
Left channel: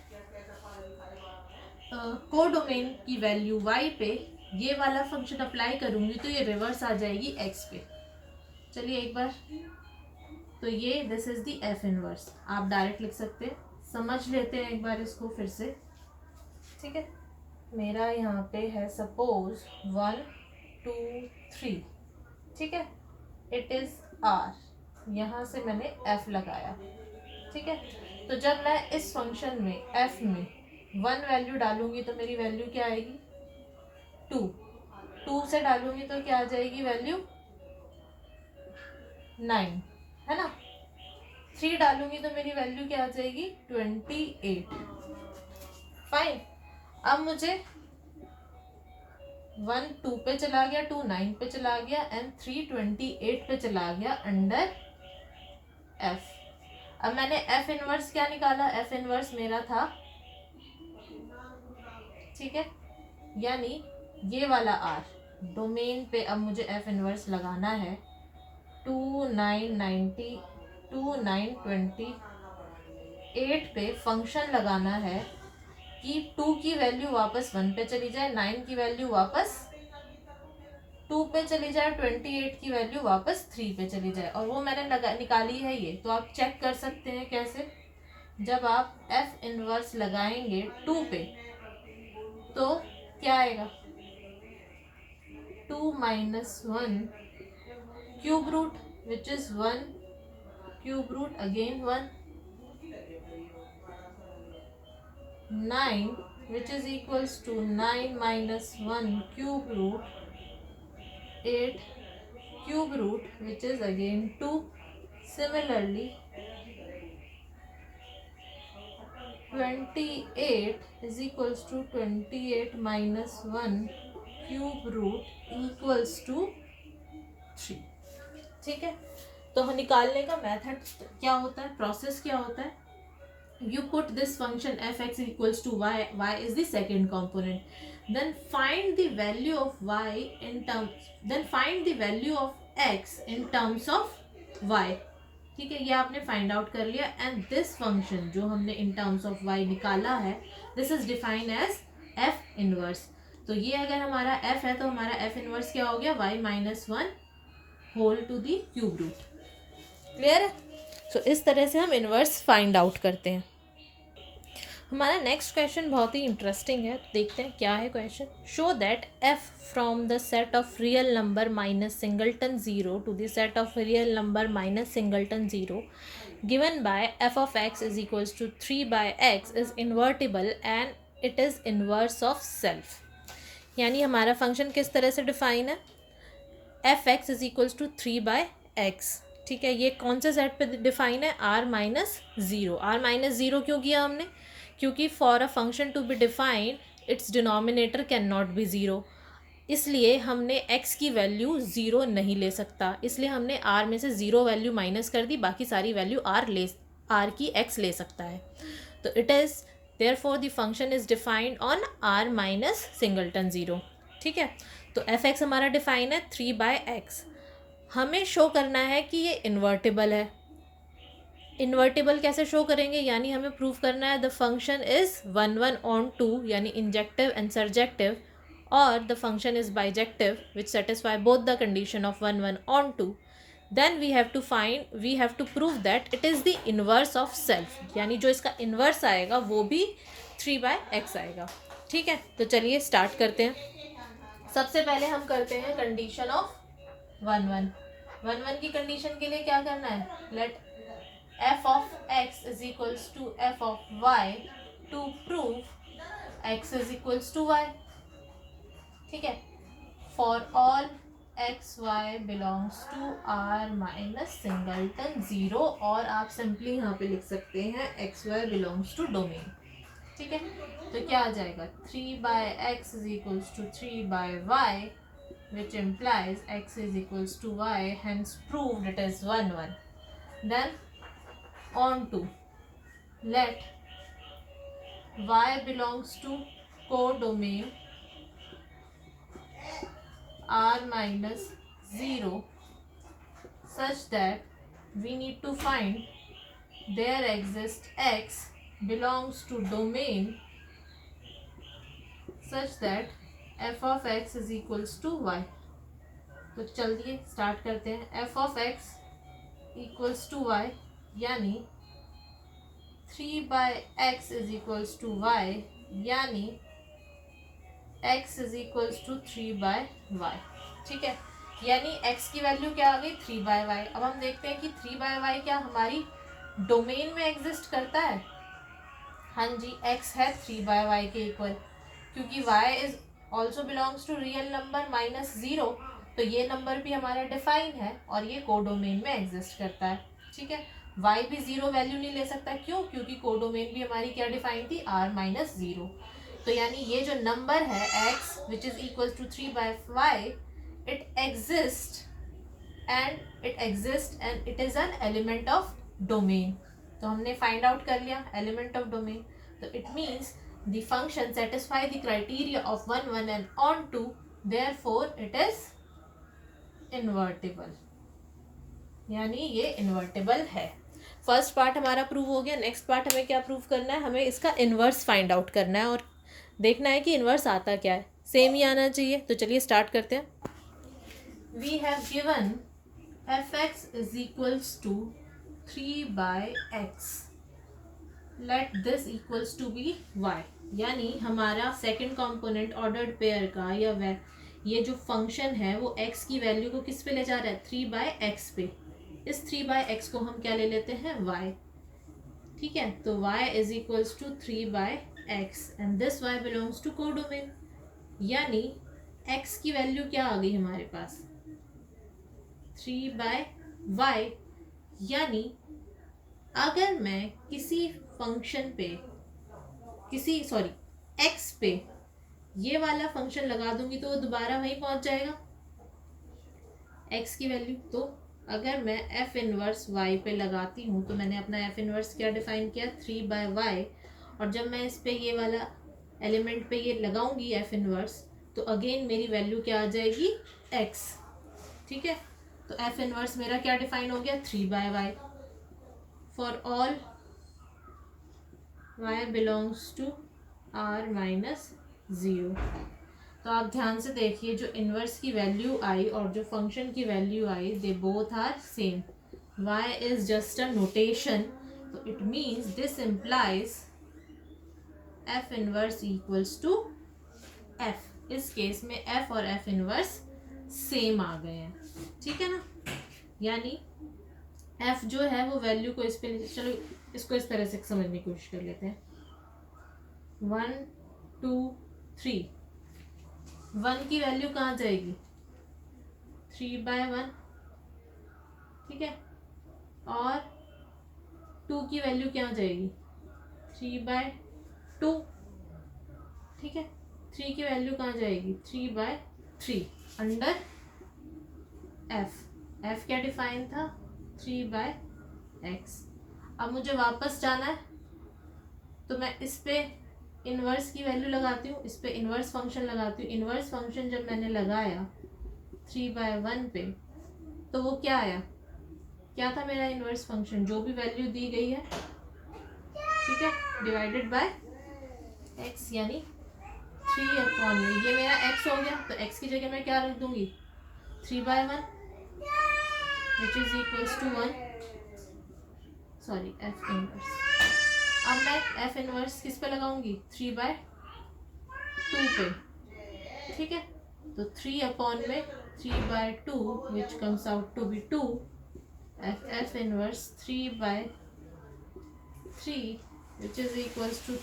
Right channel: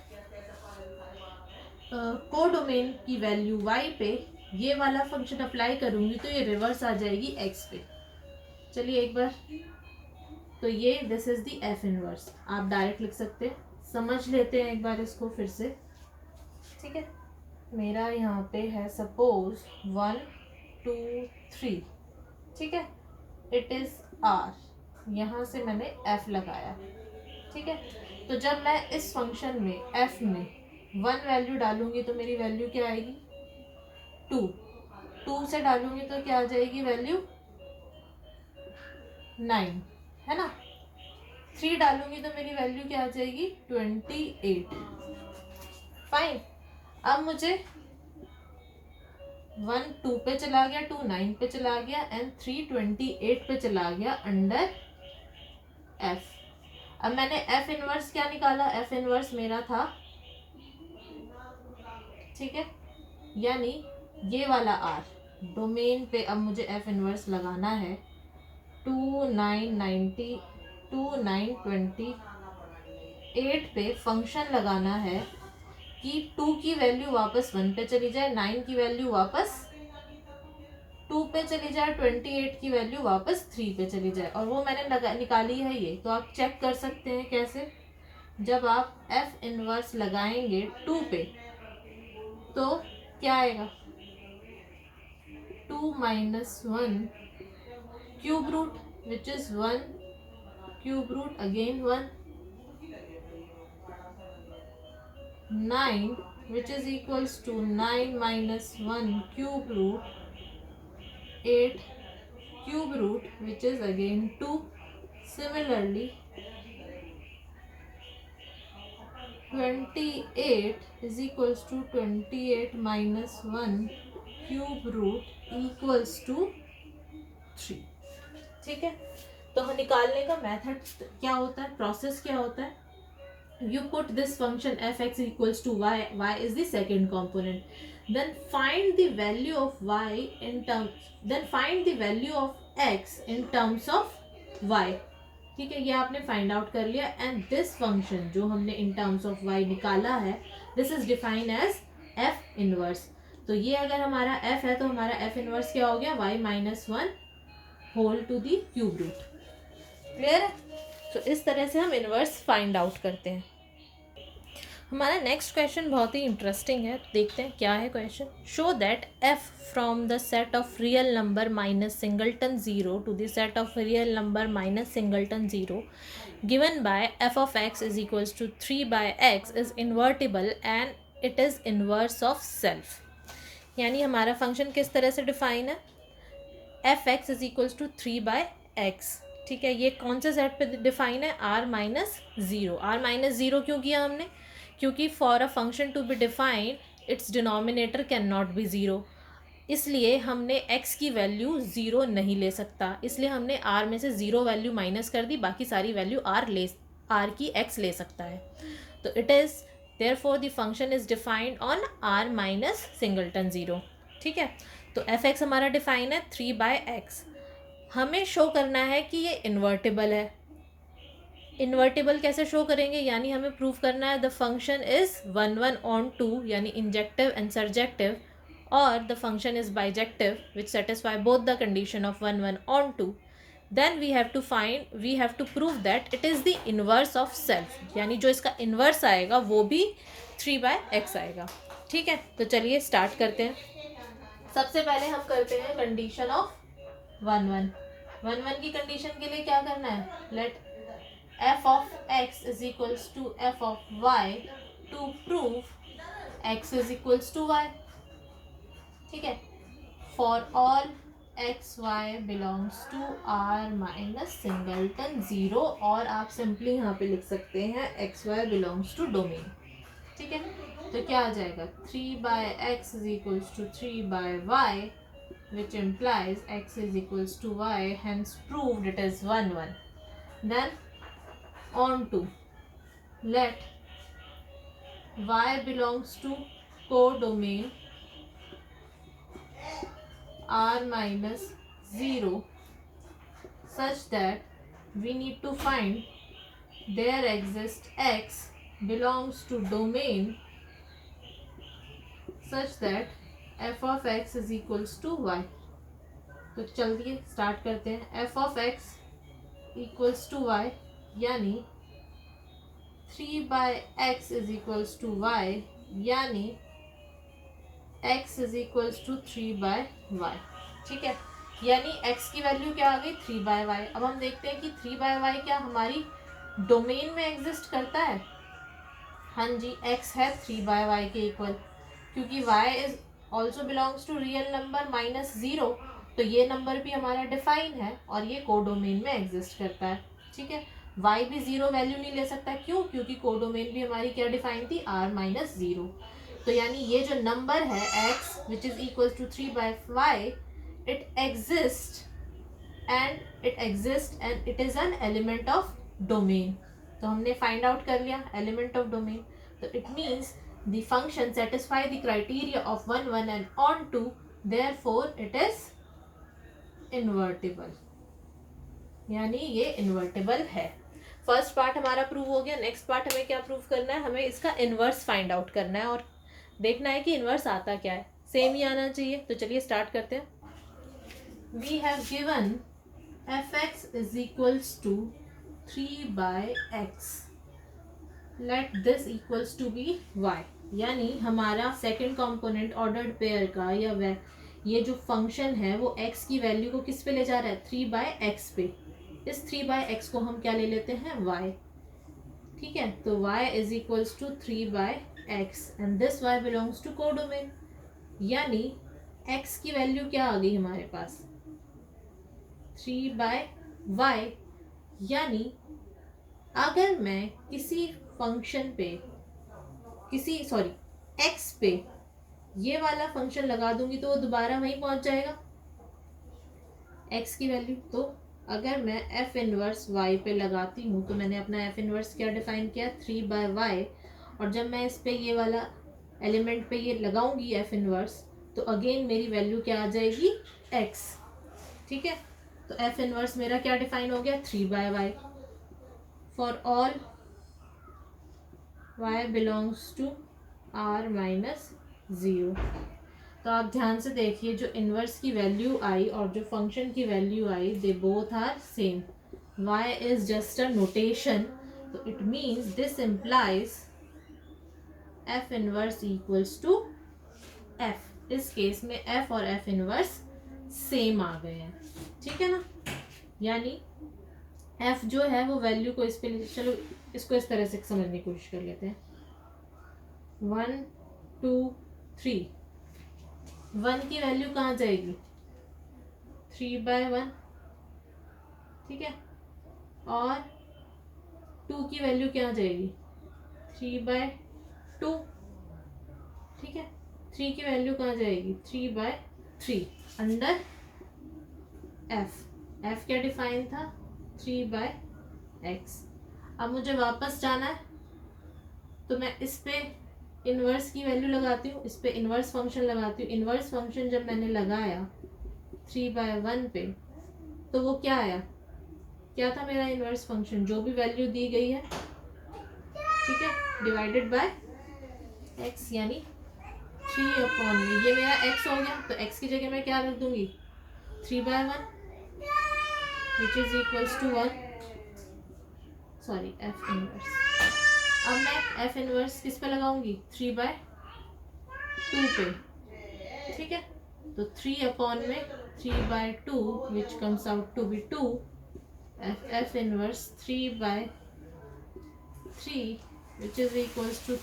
कोडोमेन की वैल्यू y पे ये वाला फंक्शन अप्लाई करूंगी तो ये रिवर्स आ जाएगी x पे. चलिए एक बार, तो ये this is the f inverse. आप डायरेक्ट लिख सकते हैं, समझ लेते हैं एक बार इसको फिर से. ठीक है, मेरा यहाँ पे है सपोज 1 2 3. ठीक है, इट इज r, यहाँ से मैंने f लगाया. ठीक है, तो जब मैं इस फंक्शन में f में 1 वैल्यू डालूंगी तो मेरी वैल्यू क्या आएगी, 2. 2 से डालूंगी तो क्या आ जाएगी वैल्यू, 9, है ना. 3 डालूंगी तो मेरी वैल्यू क्या आ जाएगी, 28. फाइन. अब मुझे 1 2 पे चला गया, 2 9 पे चला गया एंड 3 28 पे चला गया अंडर f. अब मैंने f इनवर्स क्या निकाला, f इनवर्स मेरा था, ठीक है, यानी ये वाला r डोमेन पे. अब मुझे f इनवर्स लगाना है, 2 9 90 2 9 28 पे फंक्शन लगाना है कि 2 की वैल्यू वापस 1 पे चली जाए, 9 की वैल्यू वापस 2 पे चली जाए, 28 की वैल्यू वापस 3 पे चली जाए. और वो मैंने निकाली है ये, तो आप चेक कर सकते हैं कैसे. जब आप f इनवर्स लगाएंगे 2 पे तो क्या आएगा, 2 minus 1 cube root which is 1, cube root again 1, 9 which is equals to 9 minus 1 cube root 8 cube root which is again 2. Similarly 28 is equals to 28 minus 1 cube root equals to 3। ठीक है, तो निकालने का मेथड क्या होता है, प्रोसेस क्या होता है, you put this function f(x) equals to y is the second component, then find the value of y in terms, then find the value of x in terms of y। ठीक है, ये आपने find out कर लिया, and this function जो हमने इन terms of y निकाला है, this is defined as f inverse. तो ये अगर हमारा f है तो हमारा f इनवर्स क्या हो गया, y minus 1 whole to the cube root. Clear है? सो इस तरह से हम इनवर्स फाइंड आउट करते हैं। हमारा नेक्स्ट क्वेश्चन बहुत ही इंटरेस्टिंग है, तो देखते हैं क्या है question. Show that f from the set of real number minus singleton zero to the set of real number minus singleton zero given by f of x is equals to 3/x is invertible and it is inverse of self. यानी हमारा function किस तरह से define है, f x is equals to 3/x। ठीक है, ये कौन से सेट पे डिफाइन है, r minus zero. r minus zero क्यों किया हमने, क्योंकि for a function to be defined its denominator can not be zero, इसलिए हमने x की वैल्यू ज़ीरो नहीं ले सकता, इसलिए हमने r में से ज़ीरो वैल्यू माइनस कर दी, बाकी सारी वैल्यू r की x ले सकता है। तो it is therefore the function is defined on r minus singleton zero. ठीक है, तो एफ एक्स हमारा डिफाइन है 3/x। हमें शो करना है कि ये इन्वर्टिबल है। इन्वर्टिबल कैसे शो करेंगे, यानी हमें प्रूव करना है द फंक्शन इज 1 ऑन 2 यानी इंजेक्टिव एंड सर्जेक्टिव, और the function is bijective which satisfy both the condition of 1 on 2। Then we have to prove that it is the inverse of self, यानी जो इसका inverse आएगा वो भी 3/x आएगा। ठीक है, तो चलिए स्टार्ट करते हैं। सबसे पहले हम करते हैं कंडीशन ऑफ 1 की कंडीशन के लिए क्या करना है, let f of x is equals to f of y to prove x is equals to y। ठीक है, for all x y belongs to r minus singleton zero, और आप सिंपली यहाँ पे लिख सकते हैं x y belongs to domain. ठीक है, तो क्या आ जाएगा, 3/x is equals to 3/y which implies x is equals to y, hence proved it is 1. Then on to let y belongs to codomain r minus 0 such that we need to find there exists x belongs to domain such that f of x is equals to y। तो चलिए start करते हैं। f of x equals to y यानी 3/x is equals to y यानी x is equals to 3/y। ठीक है, यानी x की वैल्यू क्या आ गई, 3/y। अब हम देखते हैं कि 3/y क्या हमारी डोमेन में एग्जिस्ट करता है। हाँ जी, x है 3/y के इक्वल, क्योंकि y is also belongs to real number minus zero, तो ये नंबर भी हमारा डिफाइन है और ये कोडोमेन में एग्जिस्ट करता है। ठीक है, y भी ज़ीरो वैल्यू नहीं ले सकता, क्यों, क्योंकि कोडोमेन भी हमारी क्या डिफाइन थी, r माइनस ज़ीरो। तो यानी ये जो नंबर है x which is equal to 3/y, it exist and it is an element of domain. तो हमने फाइंड आउट कर लिया एलिमेंट ऑफ डोमेन, तो it means the function satisfy the criteria of 1 and on 2, therefore it is invertible, यानी ये invertible है। First part हमारा prove हो गया। नेक्स्ट पार्ट हमें क्या प्रूव करना है, हमें इसका इन्वर्स फाइंड आउट करना है और देखना है कि इन्वर्स आता क्या है, सेम ही आना चाहिए। तो चलिए स्टार्ट करते हैं। We have given f x is equals to 3/x, let this equals to be y, यानी हमारा सेकंड कंपोनेंट ऑर्डर्ड पेयर का या ये जो फंक्शन है वो x की वैल्यू को किस पे ले जा रहा है, 3/x पे। इस 3/x को हम क्या ले लेते हैं, y। ठीक है, तो y is equals to 3/x and this y belongs to codomain, यानी x की वैल्यू क्या आ गई हमारे पास, 3/y। यानी अगर मैं किसी फंक्शन पे x पे ये वाला फंक्शन लगा दूंगी तो वो दोबारा वहीं पहुंच जाएगा, x की वैल्यू। तो अगर मैं f इनवर्स y पे लगाती हूँ तो मैंने अपना f इनवर्स क्या डिफाइन किया, 3/y, और जब मैं इस पे ये वाला एलिमेंट पे ये लगाऊंगी f इनवर्स तो अगेन मेरी वैल्यू क्या आ जाएगी, x। ठीक है, तो f इनवर्स मेरा क्या डिफाइन हो गया, 3/y for all y belongs to r minus 0। तो आप ध्यान से देखिए, जो इनवर्स की वैल्यू आई और जो फंक्शन की वैल्यू आई, they both are same. y is just a notation, तो it means this implies f inverse equals to f। इस केस में f और f इनवर्स सेम आ गए हैं। ठीक है ना, यानी f जो है वो वैल्यू को इस पे, चलो इसको इस तरह से समझने की कोशिश कर लेते हैं। 1 2 3, 1 की वैल्यू कहाँ जाएगी, 3/1। ठीक है, और 2 की वैल्यू क्या जाएगी, 3/2। ठीक है, 3 की वैल्यू कहाँ जाएगी, 3/3 अंडर f क्या डिफाइन था, 3/x। अब मुझे वापस जाना है तो मैं इस पे इनवर्स की वैल्यू लगाती हूँ, इस पे इनवर्स फंक्शन लगाती हूँ। इनवर्स फंक्शन जब मैंने लगाया 3/1 पे तो वो क्या आया, क्या था मेरा इनवर्स फंक्शन, जो भी वैल्यू दी गई है, ठीक है, डिवाइडेड बाय x, यानी 3/, ये मेरा x हो गया। तो x की जगह मैं क्या रख दूंगी, 3/1 which is equals to 1, sorry f inverse. अब मैं f इनवर्स किस पे लगाऊंगी, 3/2 पे। ठीक है, तो 3 में 3/2 which comes out to be 2, f inverse 3/3 which is equals to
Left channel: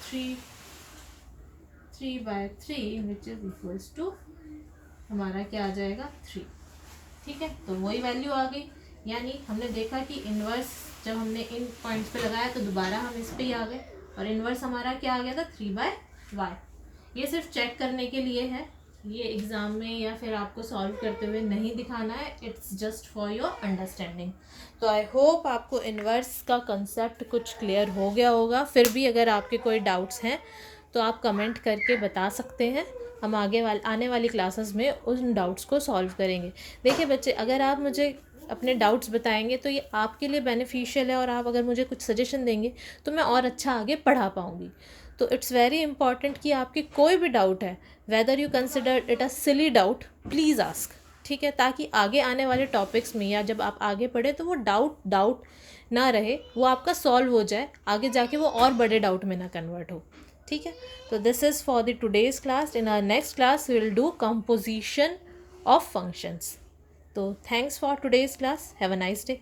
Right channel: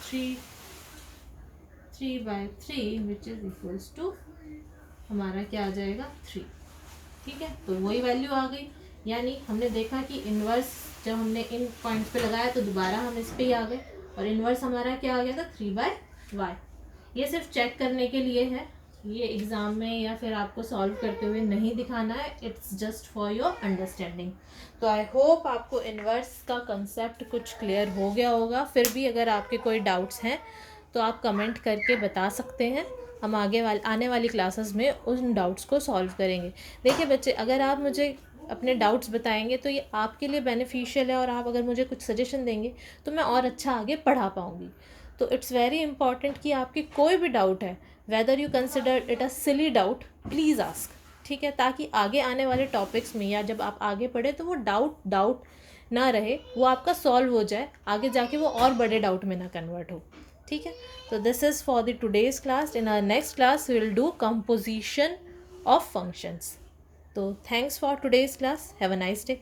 3/3 which is equals to हमारा क्या आ जाएगा, 3। ठीक है, तो वही वैल्यू आ गई। यानी हमने देखा कि इनवर्स जब हमने इन पॉइंट्स पे लगाया तो दोबारा हम इस पे ही आ गए, और इनवर्स हमारा क्या आ गया था, 3/y। ये सिर्फ चेक करने के लिए है, ये एग्ज़ाम में या फिर आपको सॉल्व करते हुए नहीं दिखाना है, it's just for your understanding. तो आई होप आपको इनवर्स का कंसेप्ट कुछ क्लियर हो गया होगा। फिर भी अगर आपके कोई डाउट्स हैं तो आप कमेंट करके बता सकते हैं, हम आने वाली क्लासेस में उन डाउट्स को सॉल्व करेंगे। देखिए बच्चे, अगर आप मुझे अपने डाउट्स बताएंगे तो ये आपके लिए बेनिफिशियल है, और आप अगर मुझे कुछ सजेशन देंगे तो मैं और अच्छा आगे पढ़ा पाऊँगी। तो इट्स वेरी इंपॉर्टेंट कि आपकी कोई भी डाउट है, whether you consider it a silly doubt, please ask. ठीक है, ताकि आगे आने वाले टॉपिक्स में या जब आप आगे पढ़े तो वो डाउट ना रहे, वो आपका सॉल्व हो जाए, आगे जाके वो और बड़े डाउट में ना कन्वर्ट हो। ठीक है, तो this is for the today's class. In our next class we will do composition of functions. तो thanks for today's class, have a nice day.